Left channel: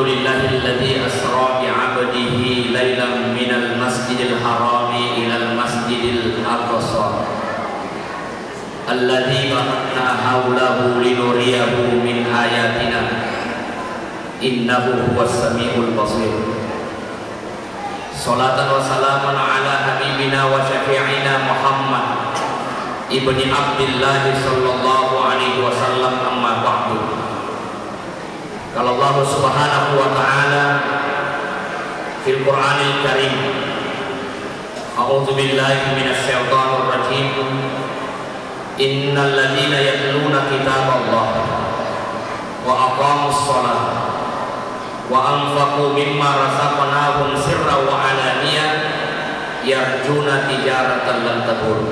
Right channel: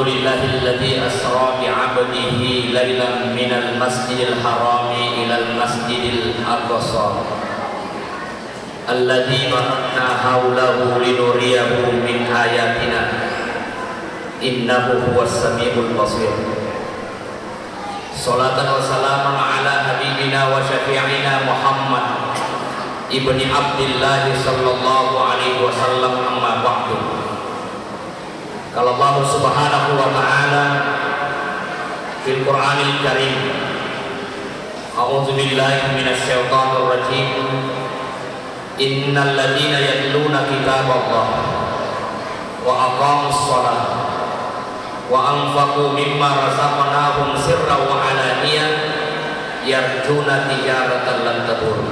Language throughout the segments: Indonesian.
Alhamdulillahilladzi asra bi'abdihi lailan minal masjidil harami ilal masjidil aqsa alladzi barakna haulahu linuriyahu min ayatina innahu huwas samiul basir. Salatan wa salamun ala habibina wa syafi'ina Muhammad ibni Abdillah sallallahu alaihi wasallam. Amma ba'du. Kalau Allah Subhanahu wa ta'ala fil Qur'anil Karim, a'udzu billahi minasy syaithanir rajim, innal ladzina yatluna kitaballah wa aqamus shalah wa anfaqu mimma razaqnahum sirran wa alaniyah yarjuna tijaratan lan tabur.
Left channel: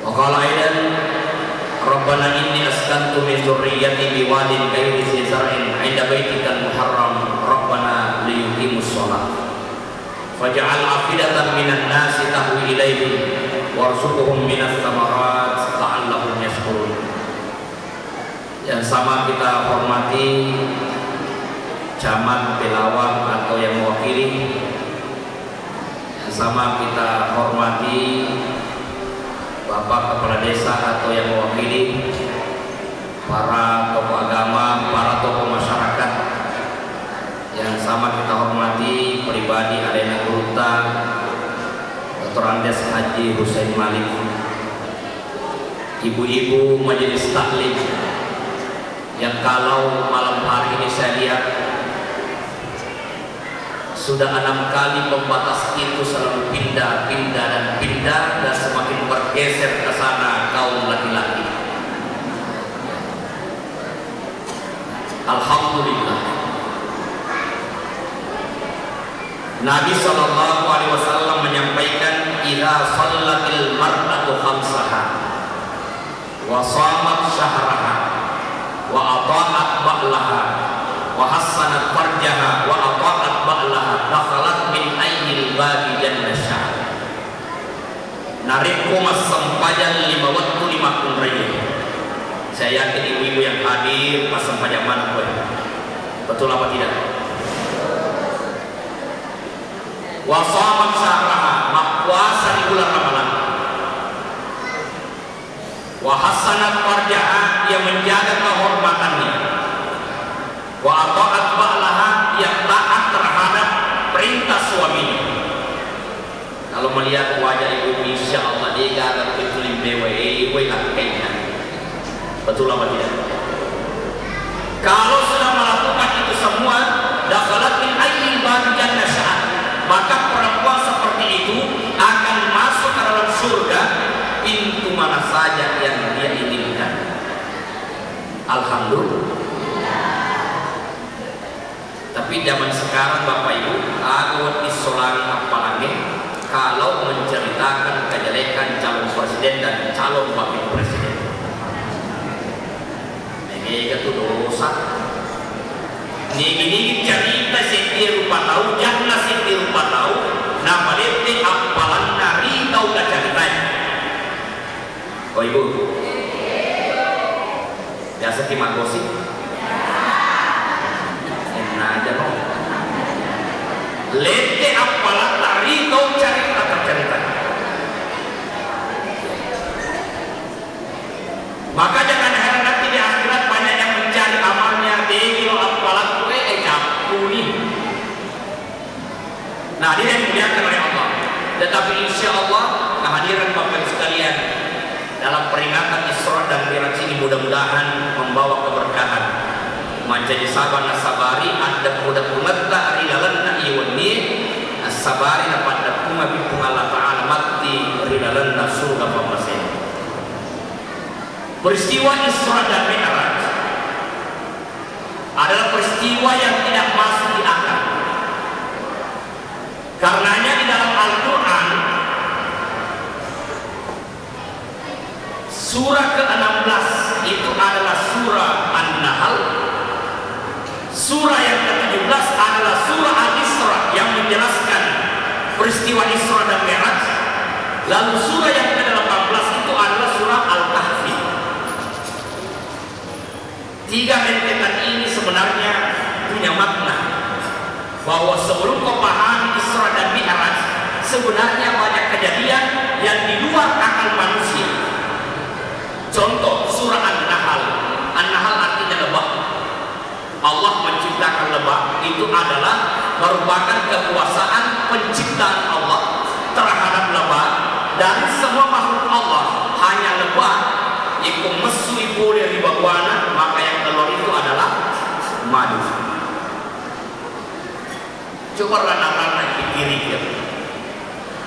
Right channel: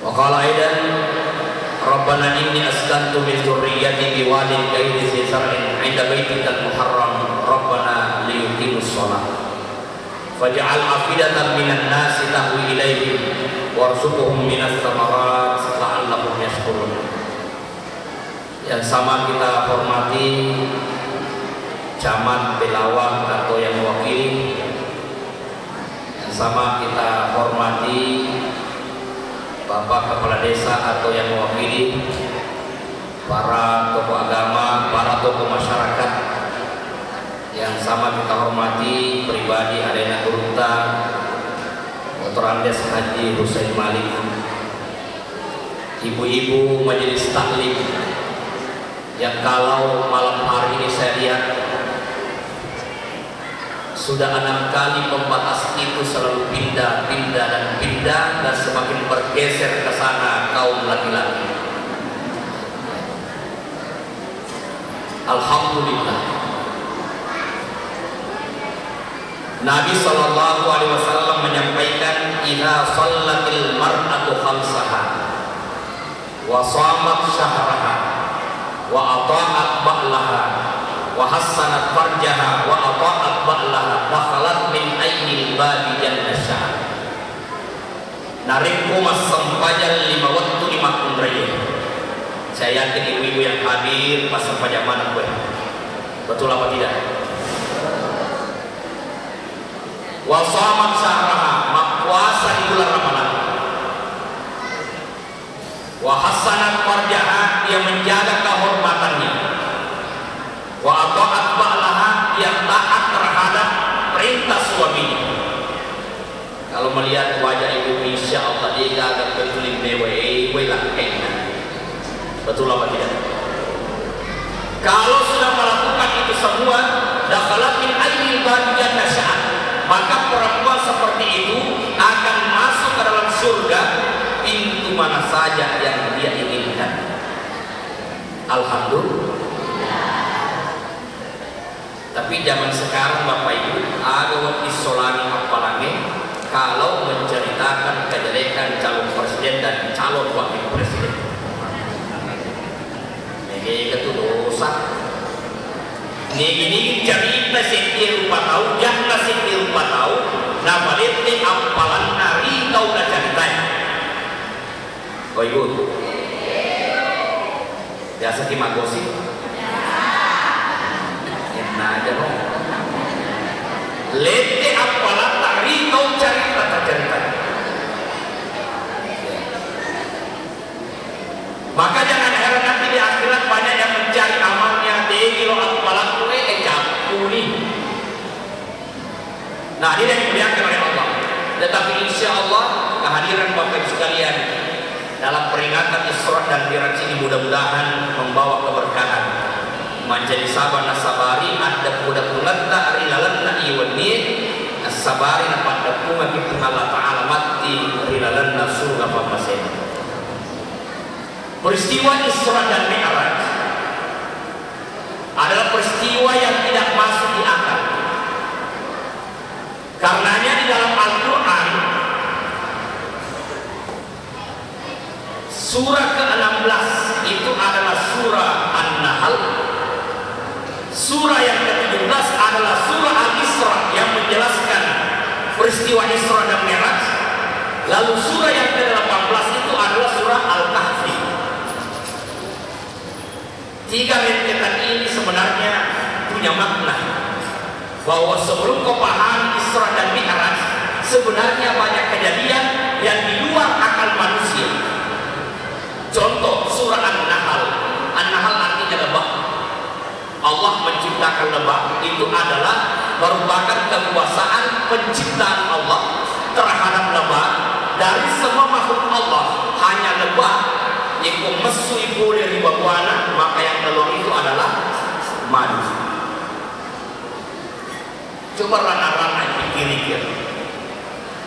Wa qala aidan Rabbana inni askantu min dzurriyyati biwadin ghairi dzi zar'in 'inda baitikal muharram Rabbana liyuqimus shalah faj'al afidatan minan nasi tahwi ilaihim warzuqhum minas thamarat la'allahum yashkurun. Yang sama kita hormati jamaah tilawah atau yang mewakili, yang sama kita hormati Bapak Kepala Desa atau yang mewakili, para tokoh agama, para tokoh masyarakat, yang sama kita hormati pribadi Adena Gurta Dr. Andes Haji Husain Malik, ibu-ibu majelis taklim yang kalau malam hari ini saya lihat sudah 6 kali pembatas itu selalu pindah dan semakin bergeser ke sana kaum laki-laki. Alhamdulillah. Nabi sallallahu alaihi wasallam menyampaikan idza shallatil mar'atu khamsaha wa shamat syahraha wa ata'at ba'laha wa hassanat farjaha wa ata'at ba'laha dakhalat min aynil babi jannasha. Narinku mas sempajan 5 waktu 5 umriyah. Saya yakin ibu-ibu yang hadir pas sempajan mana gue. Betul apa tidak? Wa shamat syahraha, puasa di bulan Ramadan. Wa hassanat farjaha, dia menjaga kehormatannya. Wa ata'at ba'laha, yang taat terhadap perintah suaminya. Kalau melihat wajah ibu, insya Allah dia akan betulin dewa lakainya. Betul apa tidak? Kalau sudah melakukan itu semua, dakhalat min aynil babi jannasha, maka perempuan seperti itu akan masuk ke dalam surga pintu mana saja yang dia inginkan. Alhamdulillah. Tapi zaman sekarang Bapak Ibu, aku isolasi apalagi kalau menceritakan kejelekan calon presiden dan calon wakil presiden. Ini itu dosa. Ini cerita sing dia lupa tahu, jangan sing dia lupa tahu. Nah, berarti apalan nari tahu dah cerita. Bapak Ibu, biasa gimana sih? Nah aja kok. Lete apalah tari kau cerita. Maka jangan heran nanti di akhirat banyak yang mencari amalnya di kilo apalah tu jauh nih. Nah ini yang dimuliakan oleh Allah. Tetapi insya Allah kehadiran Bapak Ibu sekalian dalam peringatan Isra dan Mi'raj ini mudah-mudahan membawa keberkahan. Menjadi sabar nasabari ada budak-budak tak rilalan iwani asabari dapat dapunga bitung Allah Ta'ala mati rilalan surga papasen. Peristiwa Isra dan Mi'raj adalah peristiwa yang tidak masuk di akal. Karenanya di dalam Al-Quran surah ke-16 itu adalah surah An-Nahl. Surah yang ke-17 adalah surah Al-Isra yang menjelaskan peristiwa Isra dan Mi'raj. Lalu surah yang ke-18 itu adalah surah Al-Kahfi. 3 rentetan ini sebenarnya bahwa sebelum kau pahami Isra dan Mi'raj, sebenarnya banyak kejadian yang di luar akal manusia. Contoh surah An-Nahl. An-Nahl artinya lebah. Allah menciptakan lebah, itu adalah merupakan kekuasaan penciptaan Allah terhadap lebah. Dari semua makhluk Allah, hanya lebah itu mesu ibu dari bawana, maka yang keluar itu adalah madu. Coba rana-rana pikir-pikir,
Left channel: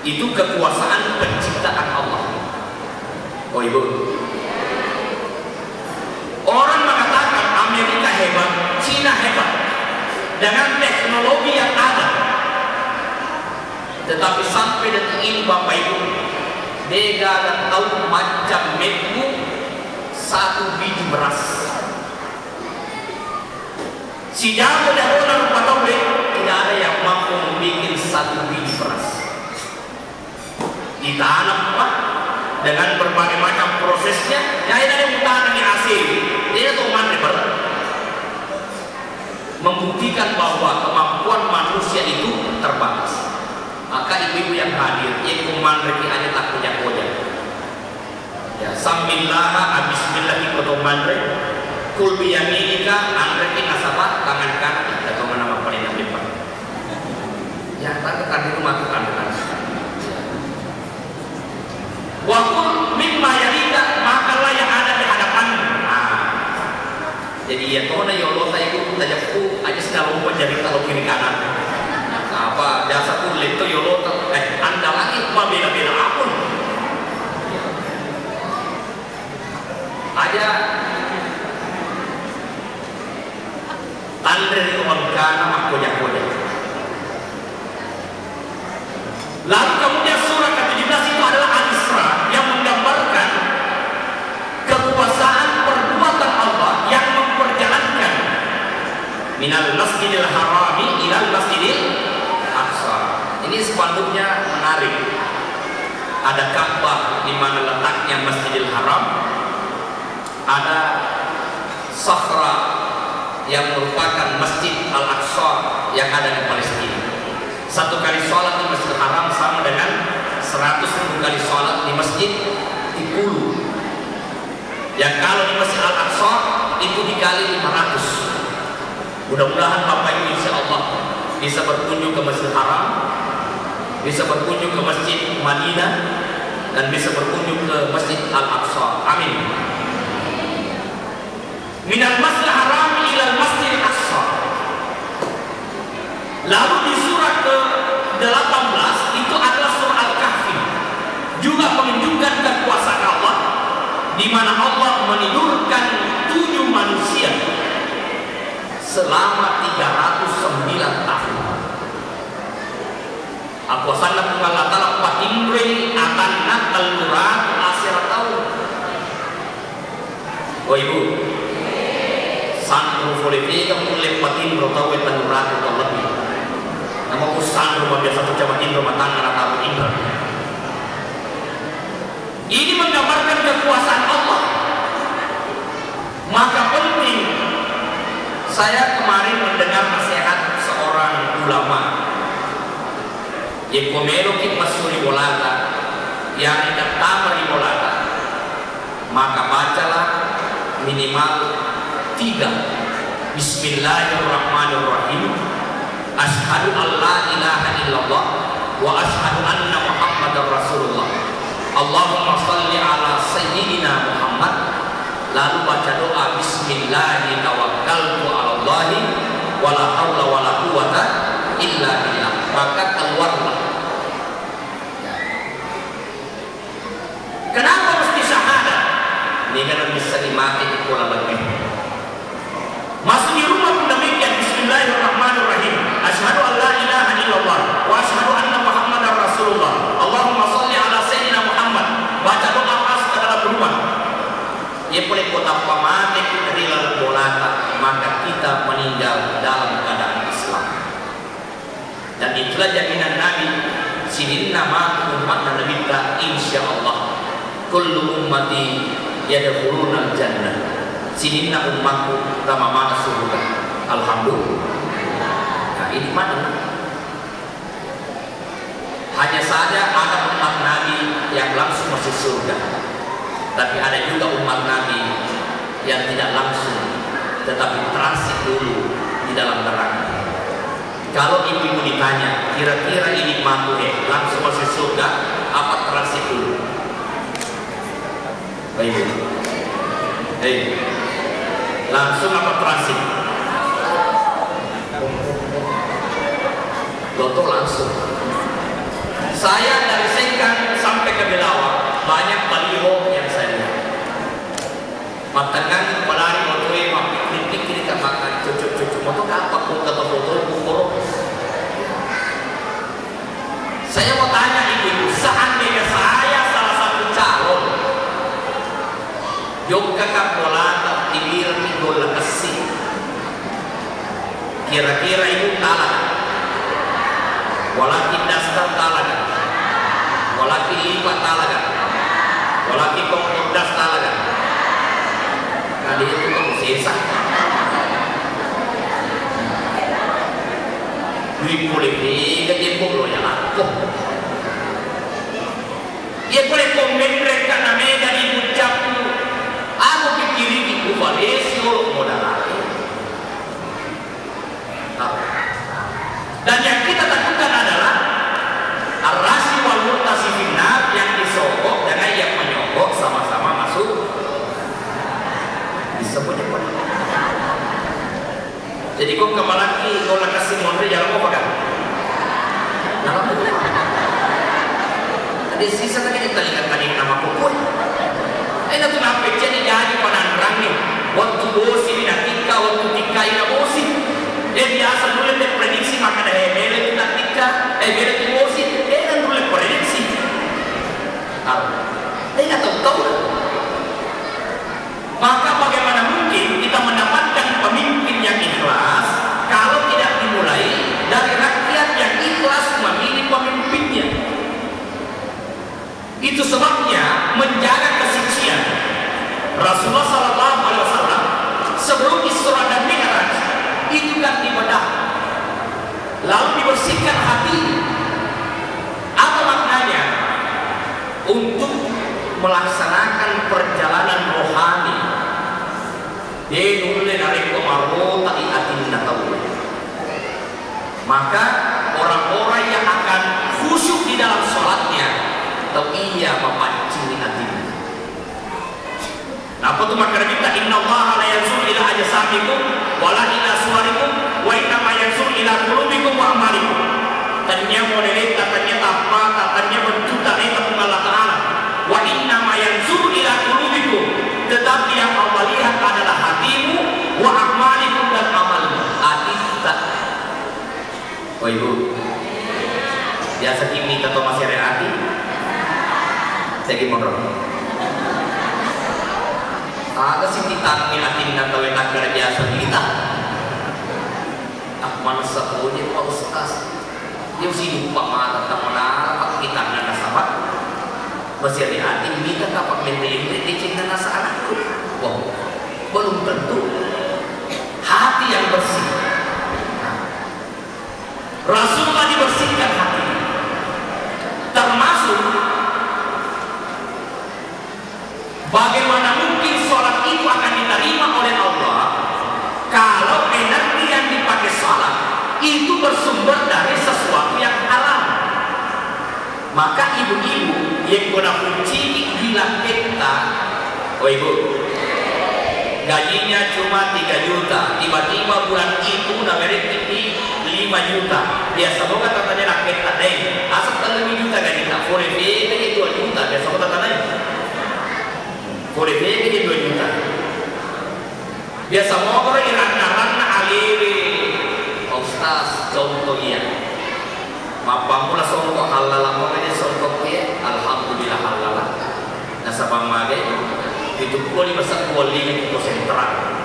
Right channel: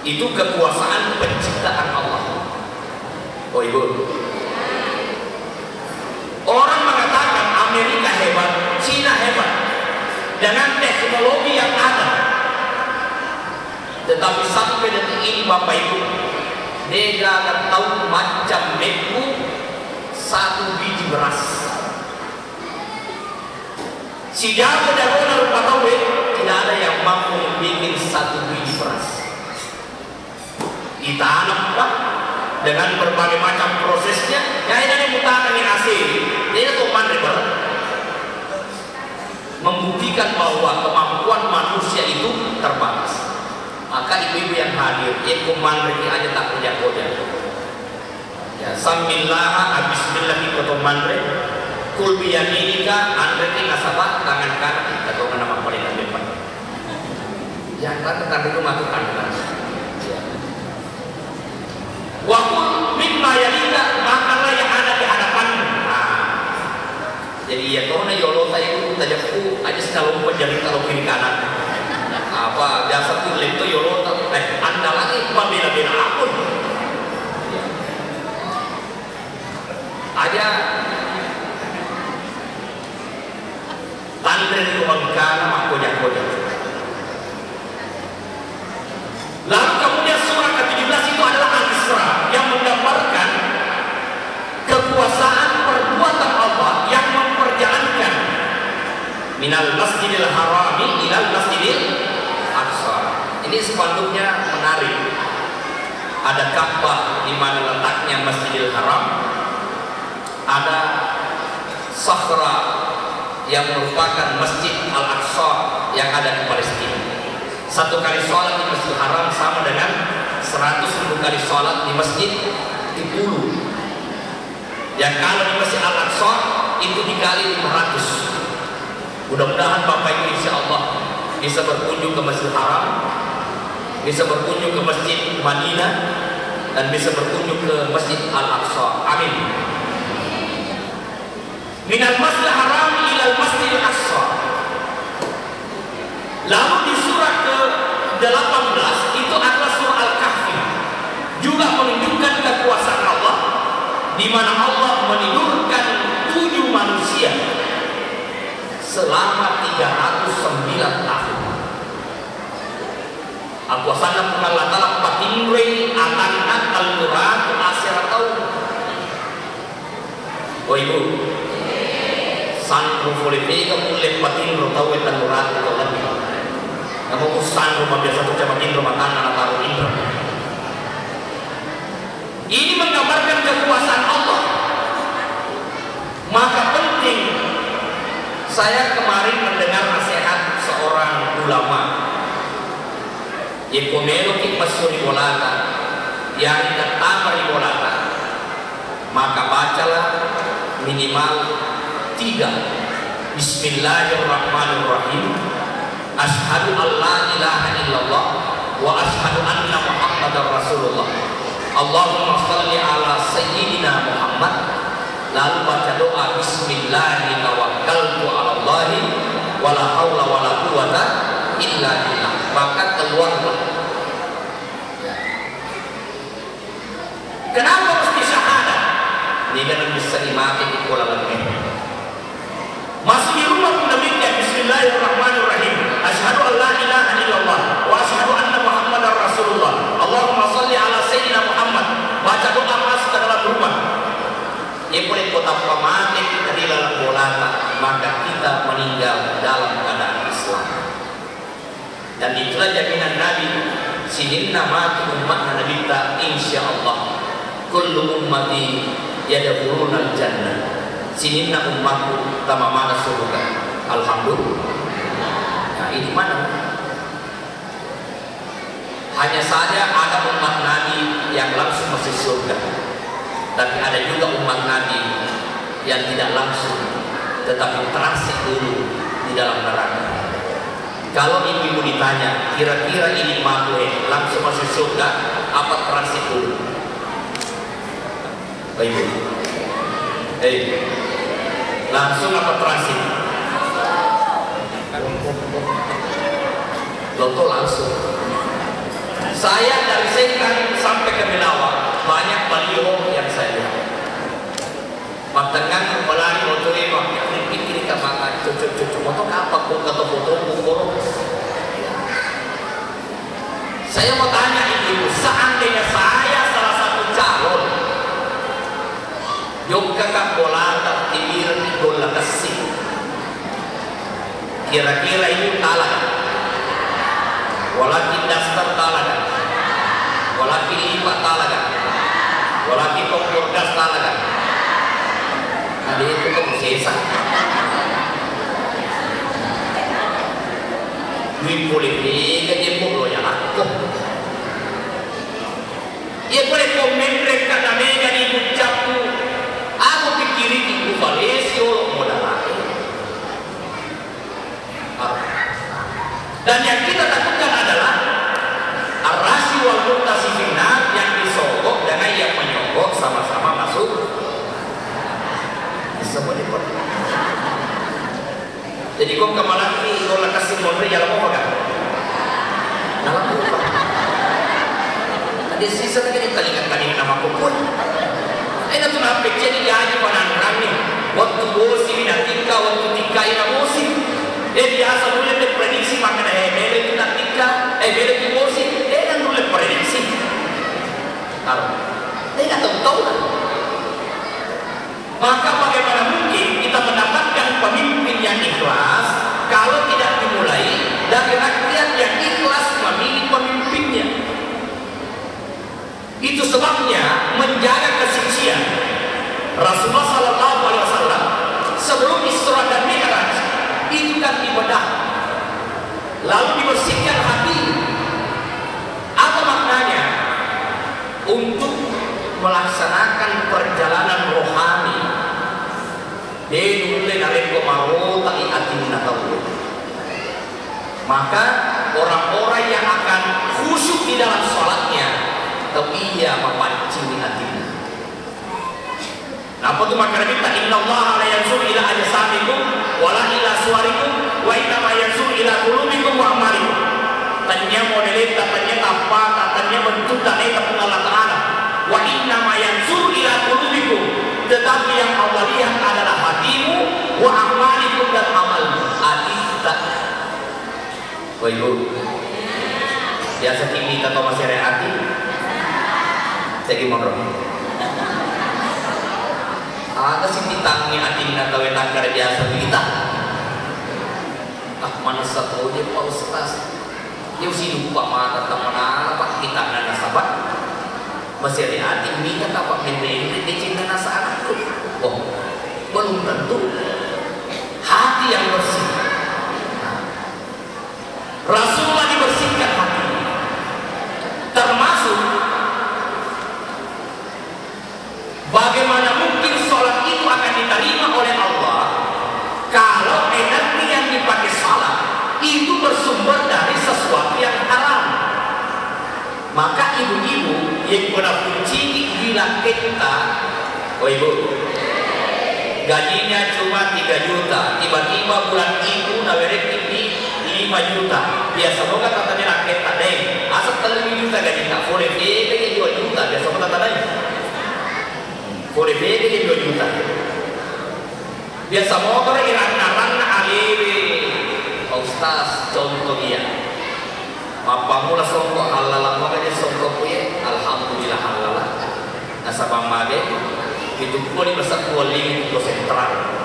itu kekuasaan penciptaan Allah. Oh ibu, orang mengatakan Amerika hebat, Cina hebat dengan teknologi yang ada, tetapi sampai detik ini Bapak Ibu, dia gak tahu macam itu satu biji beras. Si jago dan orang kata tidak ada yang mampu membuat satu biji beras. Ditanam Pak dengan berbagai macam prosesnya. Ya ini ada yang ditanam yang asli. Dia itu mandiri membuktikan bahwa kemampuan manusia itu terbatas. Maka ibu-ibu yang hadir, ibu mandiri aja tak kerja-kerja. Ya, sambillah bismillah kita mandiri. Kul biyaminika andreki nasabah tangan kaki atau mana paling lebih Pak. Yang tak itu masuk kandungan. Wakul mimma yalika, makalah yang ada di hadapanmu. Jadi ya kau na yolo saya itu tajapku aja selalu menjadi kalau kiri kanan. Apa jasa tu lento yolo anda lagi bela-bela aku. Aja Andre orang kanan aku jago. Lalu kemudian surah ke-17 itu adalah Al-Isra yang menggambarkan kekuasaan perbuatan Allah yang memperjalankan minal masjidil harami ilal masjidil aqsa. Ini sepatutnya menarik. Ada Ka'bah di mana letaknya Masjidil Haram, ada Safra yang merupakan Masjid Al-Aqsa yang ada di Palestina. Satu kali sholat di Masjidil Haram sama dengan 100.000 kali sholat di Masjid Iqulu. Yang kalau di Masjid Al-Aqsa itu dikali 500. Mudah-mudahan Bapak Ibu insya Allah bisa berkunjung ke Masjidil Haram, bisa berkunjung ke Masjid Madinah, dan bisa berkunjung ke Masjid Al-Aqsa. Amin. Minal Masjidil Haram ilal Masjidil Aqsa. Lalu di surah ke-18 itu adalah surah Al-Kahfi, juga menunjukkan kekuasaan Allah, di mana Allah menidurkan 7 manusia selama 309 tahun. Aku sangat mengatakan Pak Indri akan al-Quran asal tahun. Wah ibu, sanggup boleh kita boleh patin rotawetan murah lebih. Namun usaha rumah biasa pejabat rumah tangan atau Indra. Ini menggambarkan kekuasaan Allah. Maka penting, saya kemarin mendengar nasihat seorang ulama yang komelo kita suri bolata, yang tidak tamari bolata, maka bacalah minimal 3 Bismillahirrahmanirrahim, Ashhadu an la ilaha illallah wa ashhadu anna Muhammadar Rasulullah. Allahumma shalli ala sayyidina Muhammad. Lalu baca doa Bismillahirrahmanirrahim, tawakkaltu 'ala Allahi wa la haula wa la quwwata illa billah. Maka keluar. Kenapa mesti syahadat? Ini kan bisa dimati itu lebih. Masih di rumah pun demikian. Bismillahirrahmanirrahim. Asyhadu an la ilaha illallah wa asyhadu anna Muhammadar Rasulullah. Allahumma shalli ala sayyidina Muhammad. Baca doa masuk ke dalam rumah. Ya boleh kota mati kita di dalam bolata, maka kita meninggal dalam keadaan Islam. Dan itulah jaminan Nabi. Sihinna matu umatna nabita insyaallah. Kullu ummati yadkhuluna al-jannah. Sihinna ummatku kama mana surga. Alhamdulillah. Nah, ini mana? Hanya saja ada umat Nabi yang langsung masuk surga, tapi ada juga umat Nabi yang tidak langsung, tetapi transit dulu di dalam neraka. Kalau ibu ditanya, kira-kira ini mampu langsung masuk surga, apa transit dulu? Baik, langsung apa transit? Loto langsung. Saya dari Sengkang sampai ke Belawan banyak baliho yang saya lihat. Makankan pelari motor kiri ke makan cucuk motor apa pun atau motor. Saya mau tanya ibu, seandainya saya salah satu calon Yogyakarta Bolata Timir Bola Kesing, kira-kira ibu kalah? Walaki dasar talaga, walaki lima talaga, walaki pokok talaga. Nah dia itu tuh sisa. Duit politik dia pokok yang aku. Dia boleh komen mereka namanya di ucap tu. Aku pikirin itu Malaysia modal. Dan yang kita takutkan adalah arasi wal mutasifina yang disogok dengan yang menyogok sama-sama masuk bisa berdebat. Jadi kau kemarin ini kau nak kasih nomor jalan kau pakai. Nama tu. Ada sisa lagi kita lihat lagi nama kau. Ada tu apa jadi jadi penantang ni. Waktu bosi ni nanti kau waktu tika ini bosi. Biasa dulu dia prediksi maka dah bela itu tak tika, bela itu bosi. Dia dulu prediksi. Dia tak tahu lah. Maka bagaimana mungkin kita mendapatkan pemimpin yang ikhlas kalau tidak dimulai dari rakyat yang ikhlas memilih pemimpinnya? Itu sebabnya menjaga kesucian. Rasulullah SAW sebelum Isra dan Mi'raj itu kan ibadah, lalu dibersihkan hati. Apa maknanya? Untuk melaksanakan perjalanan rohani. Maka orang-orang yang akan khusyuk di dalam sholatnya, atau ia memancing hatinya. Apa tu makna kita? Inna Allah la yanzur ila ajsamikum wala ila suwarikum wa inna ma yanzur ila qulubikum wa a'malikum. Tanya modelin, katanya apa, katanya mencuta ayat Allah Ta'ala. Wa inna ma yanzur ila qulubikum. Tetapi yang Allah lihat adalah hatimu, wa a'malikum, dan amalmu. Hati kita. Oh itu biasa kimi atau masih hati. Saya gimana? Ada sih kita mengingatkan atau enak kerja biasa kita. Mana satu dia mau sekas. Dia sih lupa mata apa kita ada sahabat. Masih hati kita dapat mendengar di cinta saat itu. Oh, belum tentu. Hati yang bersih. Rasulullah dibersihkan hati. Termasuk bagaimana mungkin sholat itu akan diterima oleh Allah kalau energi yang dipakai sholat itu bersumber dari sesuatu yang haram. Maka ibu-ibu yang kena kunci bilang kita, oh ibu, gajinya cuma 3 juta, tiba-tiba bulan itu nawarin ini 5 juta. Biasa bukan katanya rakyat ada, asal terlebih juta gajinya, boleh lagi 2 juta. Biasa bukan katanya. Boleh beli 2 juta. Biasa mau ke iran-iran alibi. Ustaz contoh dia. Mapamula songkok halal mau aja songkok ya. Alhamdulillah halal. Nasabang mage itu kuali masak kuali itu sentral.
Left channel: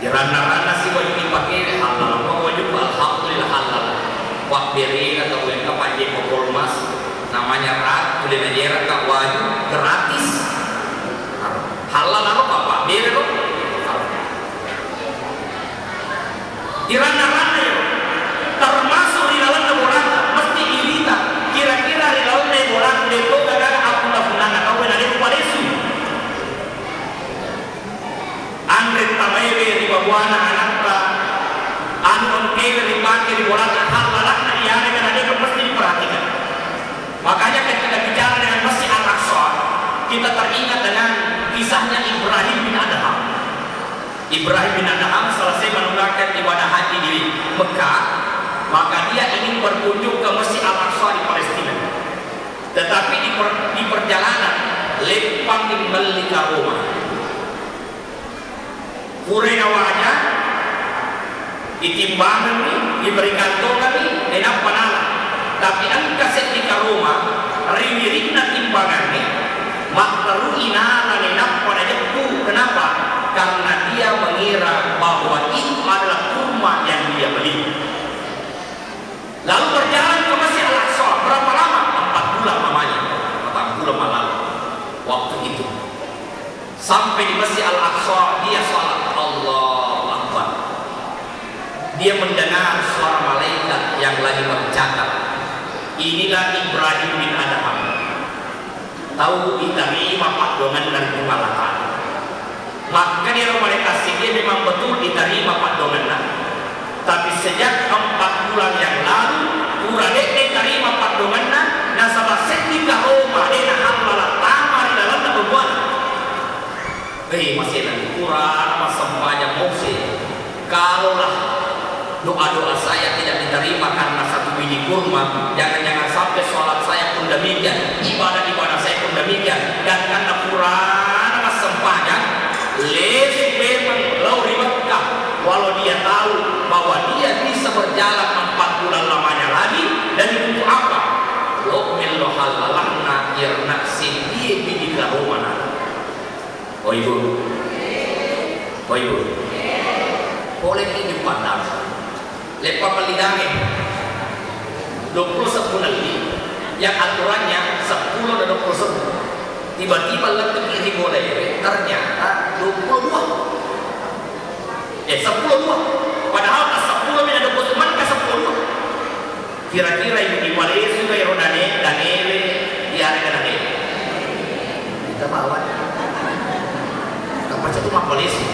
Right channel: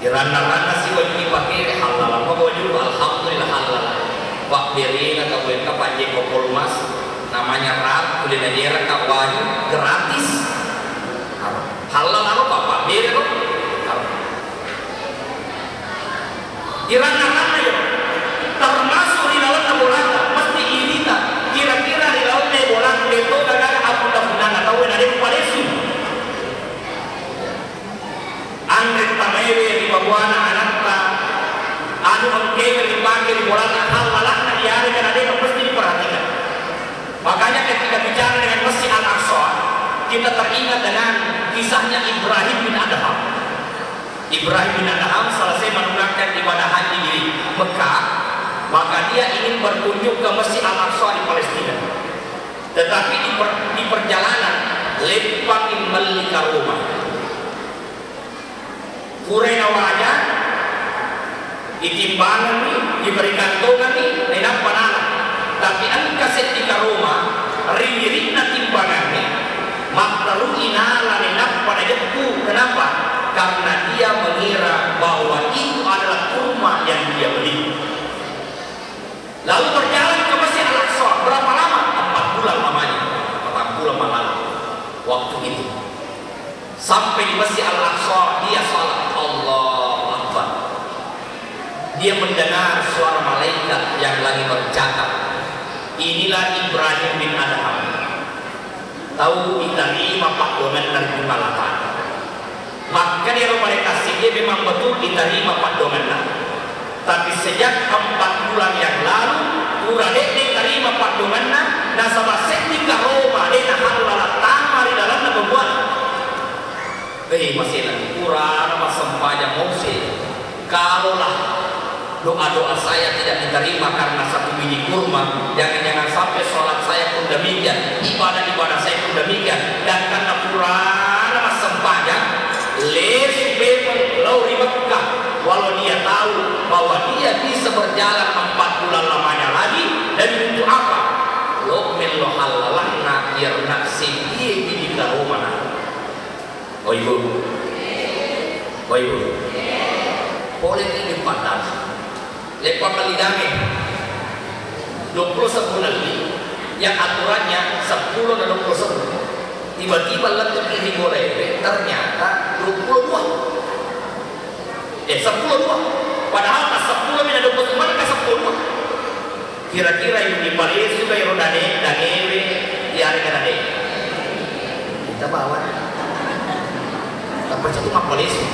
Iran-iran sih kalau dipakai halal mau juga alhamdulillah halal. Wak beri atau gue kapan je kokol mas. Namanya rap, boleh najar tak wajib gratis. Halal apa? Dia itu. Irana kisahnya Ibrahim bin Adham. Ibrahim bin Adham selesai menunaikan ibadah haji di Mekah, maka dia ingin berkunjung ke Masjid Al-Aqsa di Palestina. Tetapi di perjalanan lempangin melika rumah. Kurena wajah itimbangan ni diberikan toga ni enak panala. Tapi angka setika rumah riririkna timbangan ni maktaru inala enak panedku. Kenapa? Karena dia mengira bahwa itu adalah rumah yang dia beli. Lalu berjalan ke Masjid Al-Aqsa. Berapa lama? 4 bulan namanya. 4 bulan malam waktu itu. Sampai di Masjid Al-Aqsa dia salat Allahu Akbar. Dia mendengar suara malaikat yang lagi bercakap. Inilah Ibrahim bin Adham. Tahu diterima Pak Domen dari Bungalahan. Maka dia malaikat dia memang betul diterima Pak Domen. Tapi sejak 4 bulan yang lalu Uradek diterima Pak Domen. Nasabah setika Roma dia halulah tamar di dalam kebuan. Masih lagi kurang sempaya mosil. Kalaulah doa-doa saya tidak diterima karena 1 biji kurma, jangan-jangan sampai sholat saya pun demikian, ibadah-ibadah saya pun demikian, dan karena kurang sempaya lesu memang lauri Mekah, walau dia tahu bahwa dia bisa berjalan 4 bulan lamanya lagi, dan untuk apa? Wa'mil halalana irna sidie bidika romana. Oh ibu, boleh ini pandang. Lepas pelidangnya 21 lagi yang aturannya 10 dan 21. Tiba-tiba letuk ini boleh, ternyata 22. 10. Padahal 10 dan 21 ke 10. Kira-kira yang di Malaysia yang dan ewe di area dan kita bawa. Baca cuma polisi.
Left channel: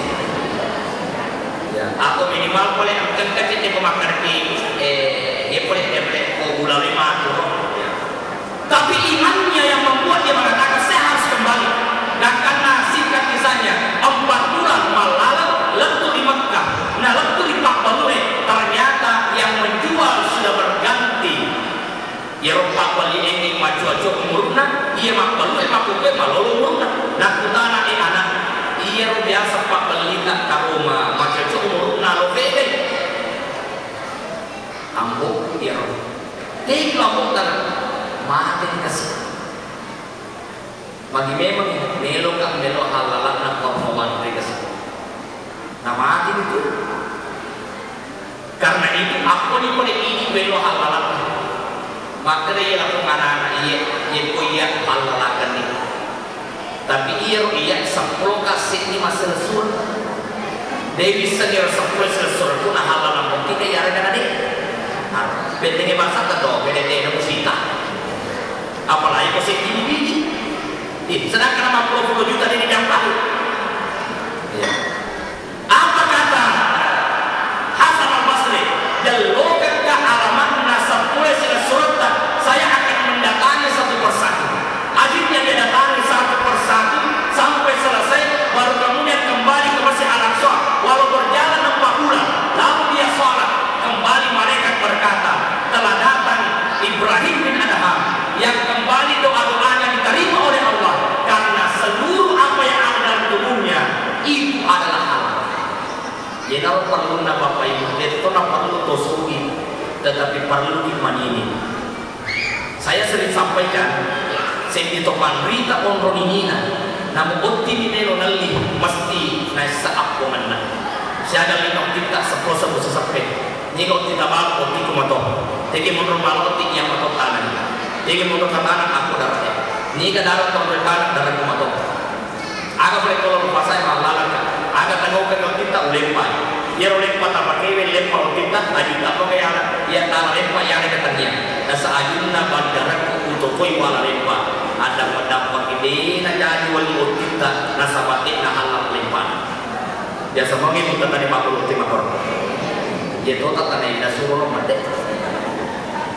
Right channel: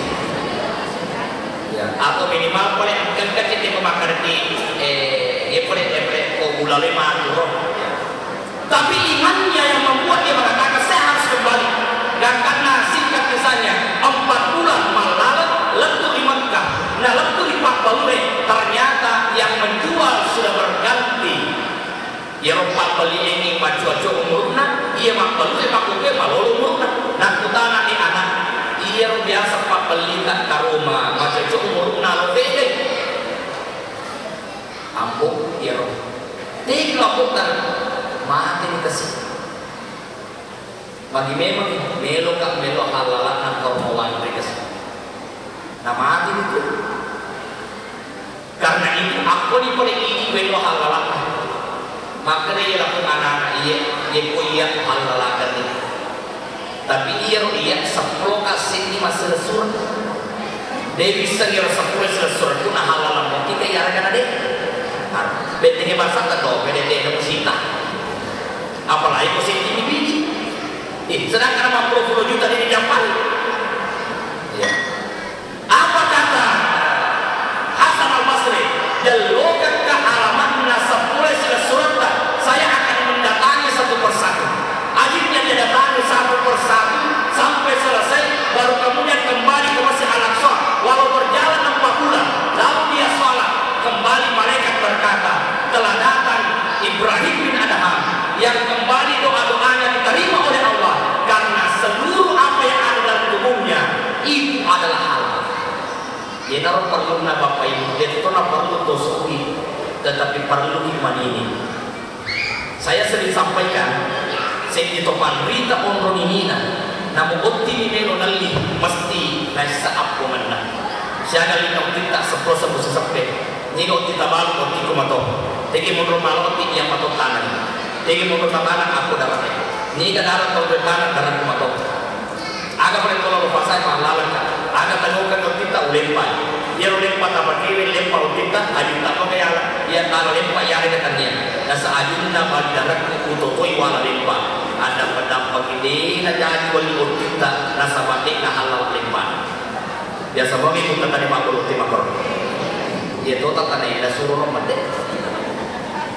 Ya, aku minimal boleh angkat kecil memakan di boleh gula 5 euro. Ya. Tapi imannya yang membuat dia mengatakan saya harus kembali. Dan karena singkat kisahnya 4 bulan malam letu di Mekah. Nah letu di Pak Balue ternyata yang menjual sudah berganti. Ya Pak beli ini maju-maju umurna, iya Pak Balue Pak Balue kalau umurna. Nah kutana di anak. Ia biasa Pak belikan ke rumah maka umur nalo bede ampun dia tinggal putar makin kesini bagi memang melo halalan nak kormawan mereka semua nah makin itu karena itu aku ni boleh ini melo halalan maka dia lakukan anak-anak ia punya halalan ini. Tapi ia 10 kasih ini masa sur. Dia bisa dia 10 sur itu nah halal lampu kita ya rekan adik. Bentengnya bangsa kedua, beda musita. Apalagi posisi ini bini. Sedangkan 50 juta ini dapat. Apa kata Hasan Al-Basri? Jalurkan ke alamatnya 10 surat. Saya akan mendatangi satu persatu. Akhirnya dia datangi satu persatu sampai selesai, baru kemudian kembali ke Masjid Al-Aqsa. Walau berjalan 4 bulan, lalu dia sholat. Kembali malaikat berkata, telah datang Ibrahim bin Adham yang kembali doa-doanya diterima oleh Allah karena seluruh apa yang ada dalam tubuhnya itu adalah halal. Jadi perlu Bapak Ibu, itu perlu tosui, tetapi perlu iman ini. Saya sering sampaikan, segitu berita orang ini namun bukti ni melo nali pasti naisa aku mana. Saya ada lima kita seprosa busa sampai. Jika kita bawa bukti kumato, tegi mundur malu bukti yang mato tangan, tegi mundur tangan aku daratnya. Jika darat mundur tangan darat kumato. Agak boleh kalau pasal malalan, agak tangguhkan kita ulempa. Dia ulempa tak pakai ulempa kita, baju tak pakai yang dia tahu ulempa yang ada katanya. Nasa ajun na bandaran untuk koi wala lempa. Ada pada pagi na jadi wali kita nasa mati na halal lempa. Biasa begitu kata di makhluk timur. Dia total tanah yang suruh mati.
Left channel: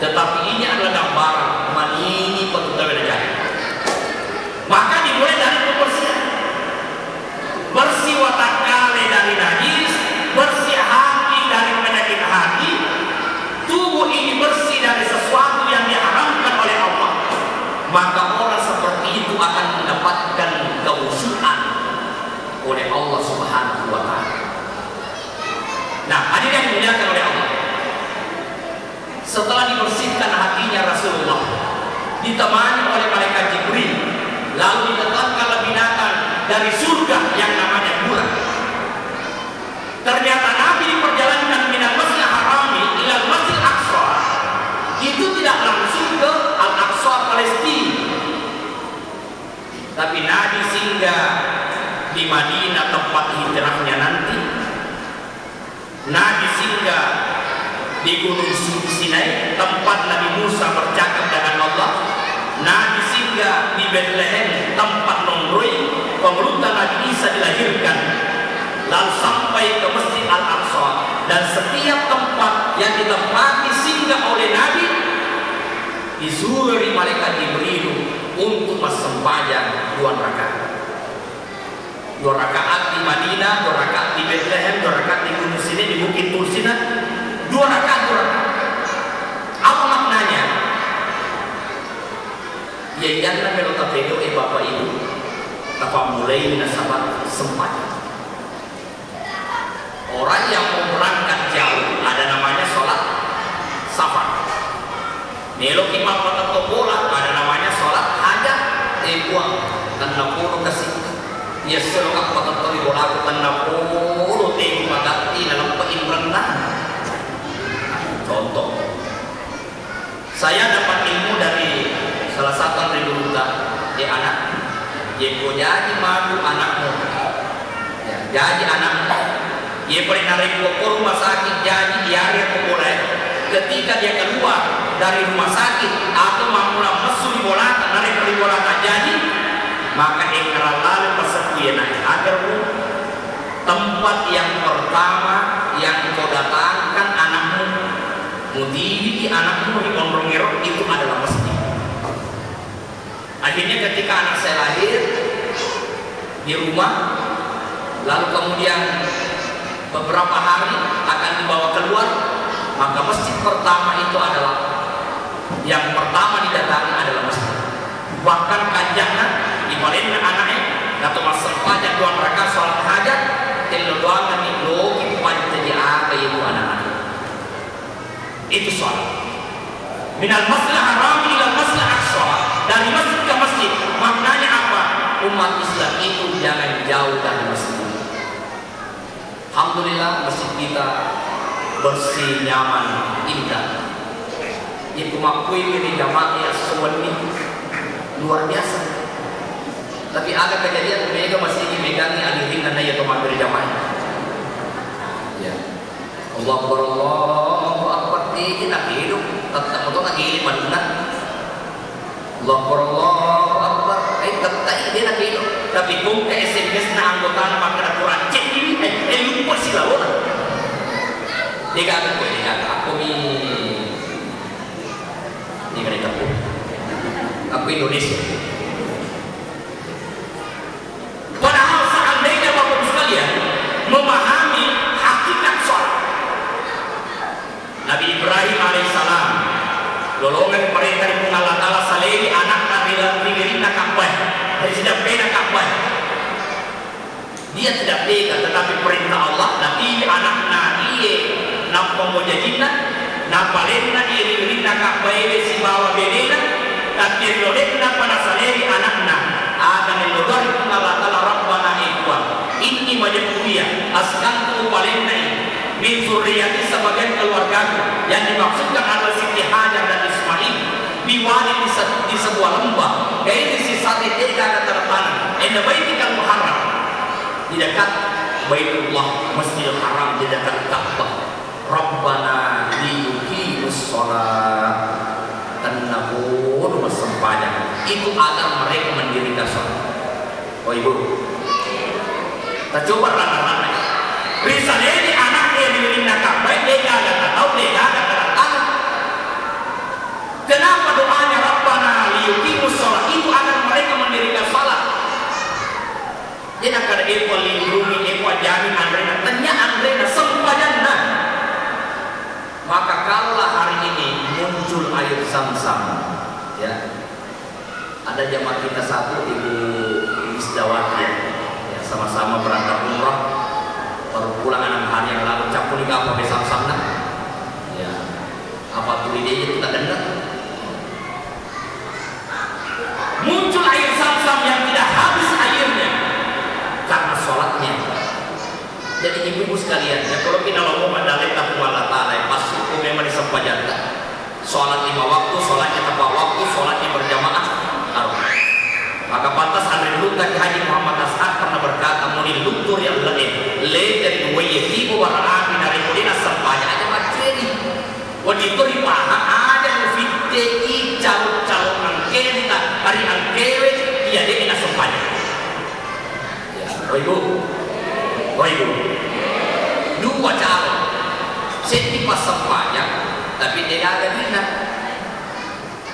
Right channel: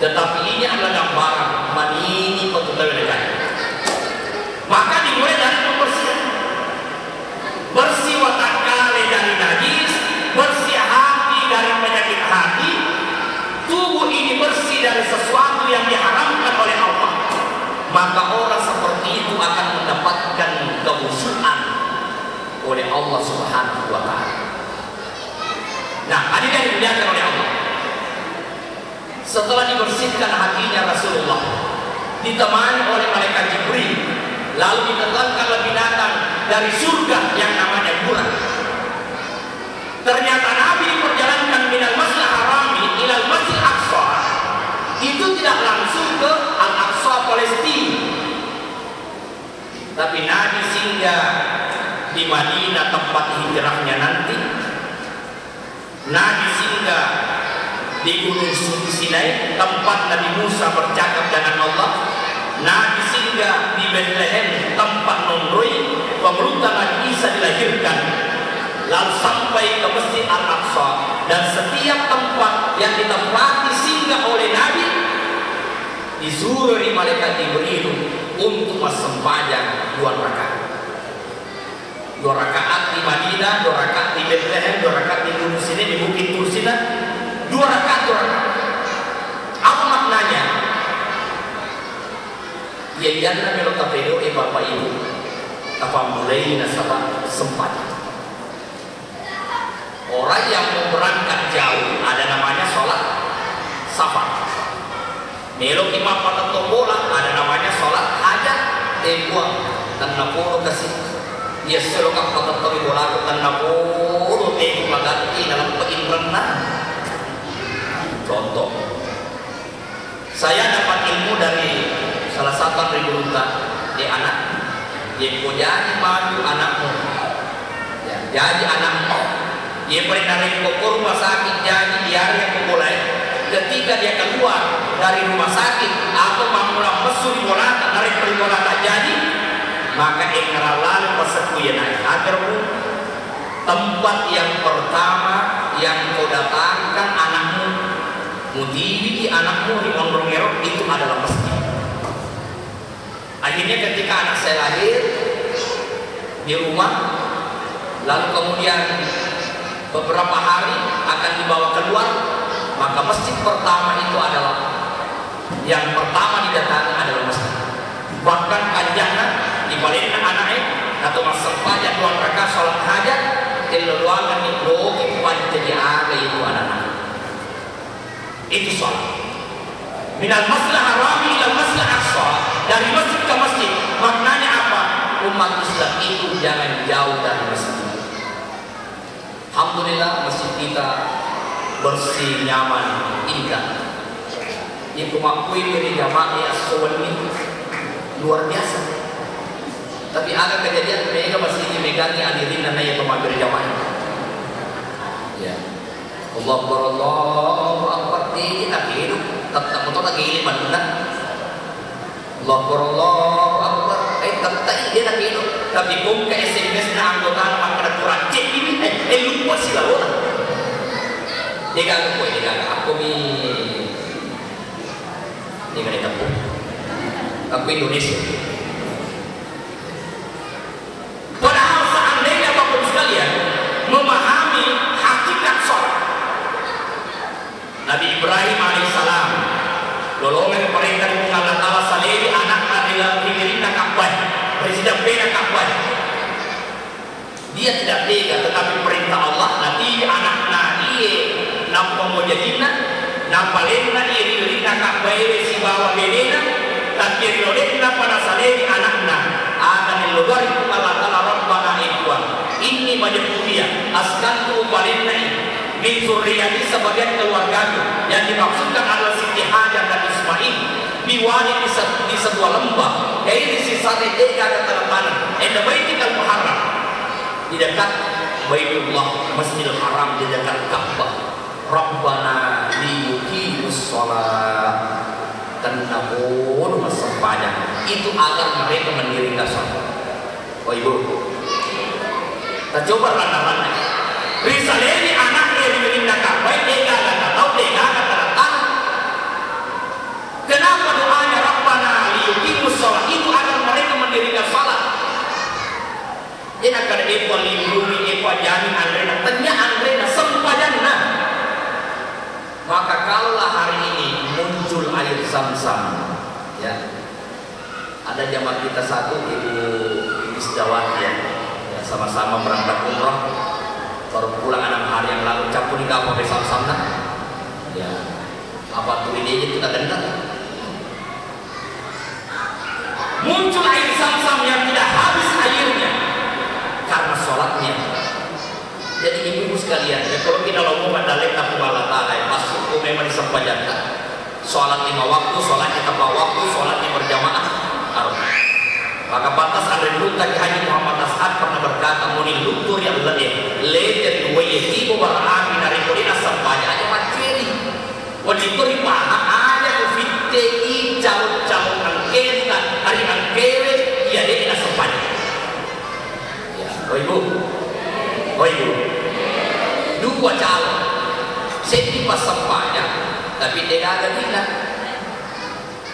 Tetapi ini adalah gambaran ini petugas negara. Maka dimulai dari pembersihan. oleh Allah Subhanahu wa Ta'ala. Nah, hadirin yang dimuliakan oleh Allah, setelah dibersihkan hatinya Rasulullah, ditemani oleh malaikat Jibril, lalu ditetapkan binatang dari surga yang namanya bulan. Ternyata Nabi diperjalankan minal Masjidil Haram ilal Masjidil Aqsa. Itu tidak langsung ke Al-Aqsa Palestina, tapi Nabi singgah di Madinah tempat hijrahnya nanti. Nabi singgah di Gunung Sinai tempat Nabi Musa bercakap dengan Allah. Nabi singgah di Bethlehem tempat Nomroi pemberontak Nabi Isa dilahirkan, lalu sampai ke Masjid Al-Aqsa. Dan setiap tempat yang ditempati singgah oleh Nabi disuruh oleh malaikat Jibril untuk bersembahyang 2 rakaat. 2 rakaat di Madinah, 2 rakaat di Bethlehem, 2 rakaat di Gunung Sinai, di Bukit Tursina. 2 rakaat, 2 rakaat. Apa maknanya? Ya jangan kalau kata Bapak Ibu, apa mulai nasabah sembahyang. Orang yang berangkat jauh ada namanya sholat safar. Melok imam pada tombola ada namanya sholat hajat. Buang dan aku kasih dia seruak pada tawi bola dan aku tebu magati dalam pengimbangan. Contoh, saya dapat ilmu dari salah satu ribu dia anak, dia jadi malu anakmu, ya, jadi anakmu, dia pernah narik ke rumah sakit jadi diare mulai. Ketika dia keluar dari rumah sakit atau mamula mesu di bolata dari peribolata jadi, maka engkau lalu pasal dia naik agar tempat yang pertama yang kau datangkan anakmu, mudi anakmu di Monrongero itu adalah masjid. Akhirnya ketika anak saya lahir di rumah, lalu kemudian beberapa hari akan dibawa keluar, maka masjid pertama itu adalah yang pertama didatangi adalah masjid. Bahkan kajiannya dibalikin anaknya atau asal pajak 2 rakaat salat hajat keluar di logi pajak jadi apa itu anak. Itu soal minal Masjidil Haram ila Masjidil Aqsa, dari masjid ke masjid. Maknanya apa? Umat Islam itu jangan jauh dari masjid. Alhamdulillah masjid kita bersih, nyaman, indah. Itu makui diri jamaah as-suwal ini luar biasa. Tapi agak kejadian mereka masih dimegangi hadirin dan daya teman dari jamaah. Ya, Allah Akbar kita hidup tetap untuk lagi ini mana? Allah Akbar, tetap dia lagi hidup. Tapi pun ke SMS na anggota maka kurang cek ini lupa sih lah orang. Dia aku ini kan itu tapi Indonesia. Padahal seandainya Bapak sekalian memahami hakikat sholat, Nabi Ibrahim alaihissalam lolongan perintah Allah Ta'ala salih anak dirinya Ka'bah, presiden bina Ka'bah. Dia tidak tega, tetapi perintah Allah nanti anak nahiye nampak mujadina nampalena dirinya Ka'bah si bawa bedina tapi lolekna pada salih anakna akan diluar itu Allah Ta'ala Rabbana ikhwan ini majemudiyah askanku balinai min zurriyati sebagian keluargaku yang dimaksudkan adalah Siti Hajar dan Ismail biwali di sebuah lembah yaitu si sari teka dan terpani enda baitikal muharram di dekat Baitullah Masjidil Haram, di dekat Ka'bah. Rabbana liyuqimus shalah tanahun wasempajang itu agar mereka mendirikan sholat. Oh ibu, kita coba rata-rata risaleni anaknya dirinya Ka'bah dia gak tahu dia gak tahu. Kenapa doanya Rabbana liyuqimus shalah itu agar mereka mendirikan sholat? Jadi agar ibu lindungi ibu jamin Andrena tanya Andrena sempajana. Maka kalau hari ini muncul air Zam-Zam, ya, ada jamaah kita satu ibu Isdawati ya, sama-sama berangkat baru pulang 6 hari yang lalu campur di apa besar sana. Ya, apa tuh ide kita dengar? Muncul air Zam-Zam yang tidak habis airnya karena sholatnya. Jadi ibu-ibu sekalian, ya kalau kita ngomong dalil Allah Taala, pasti itu memang disampaikan. Sholat 5 waktu, sholatnya tepat waktu, sholatnya berjamaah. Maka pantas Andre Luta Haji Muhammad As'ad pernah berkata, muni lutur yang le dari wayyibu warahmi dari kudina sampahnya aja materi. Wadituri paha ada fitti calon mengkenta hari angkewe iya dia ina sampahnya. Ya, ibu, dua calon, senti pas sampahnya, tapi tidak ada bina.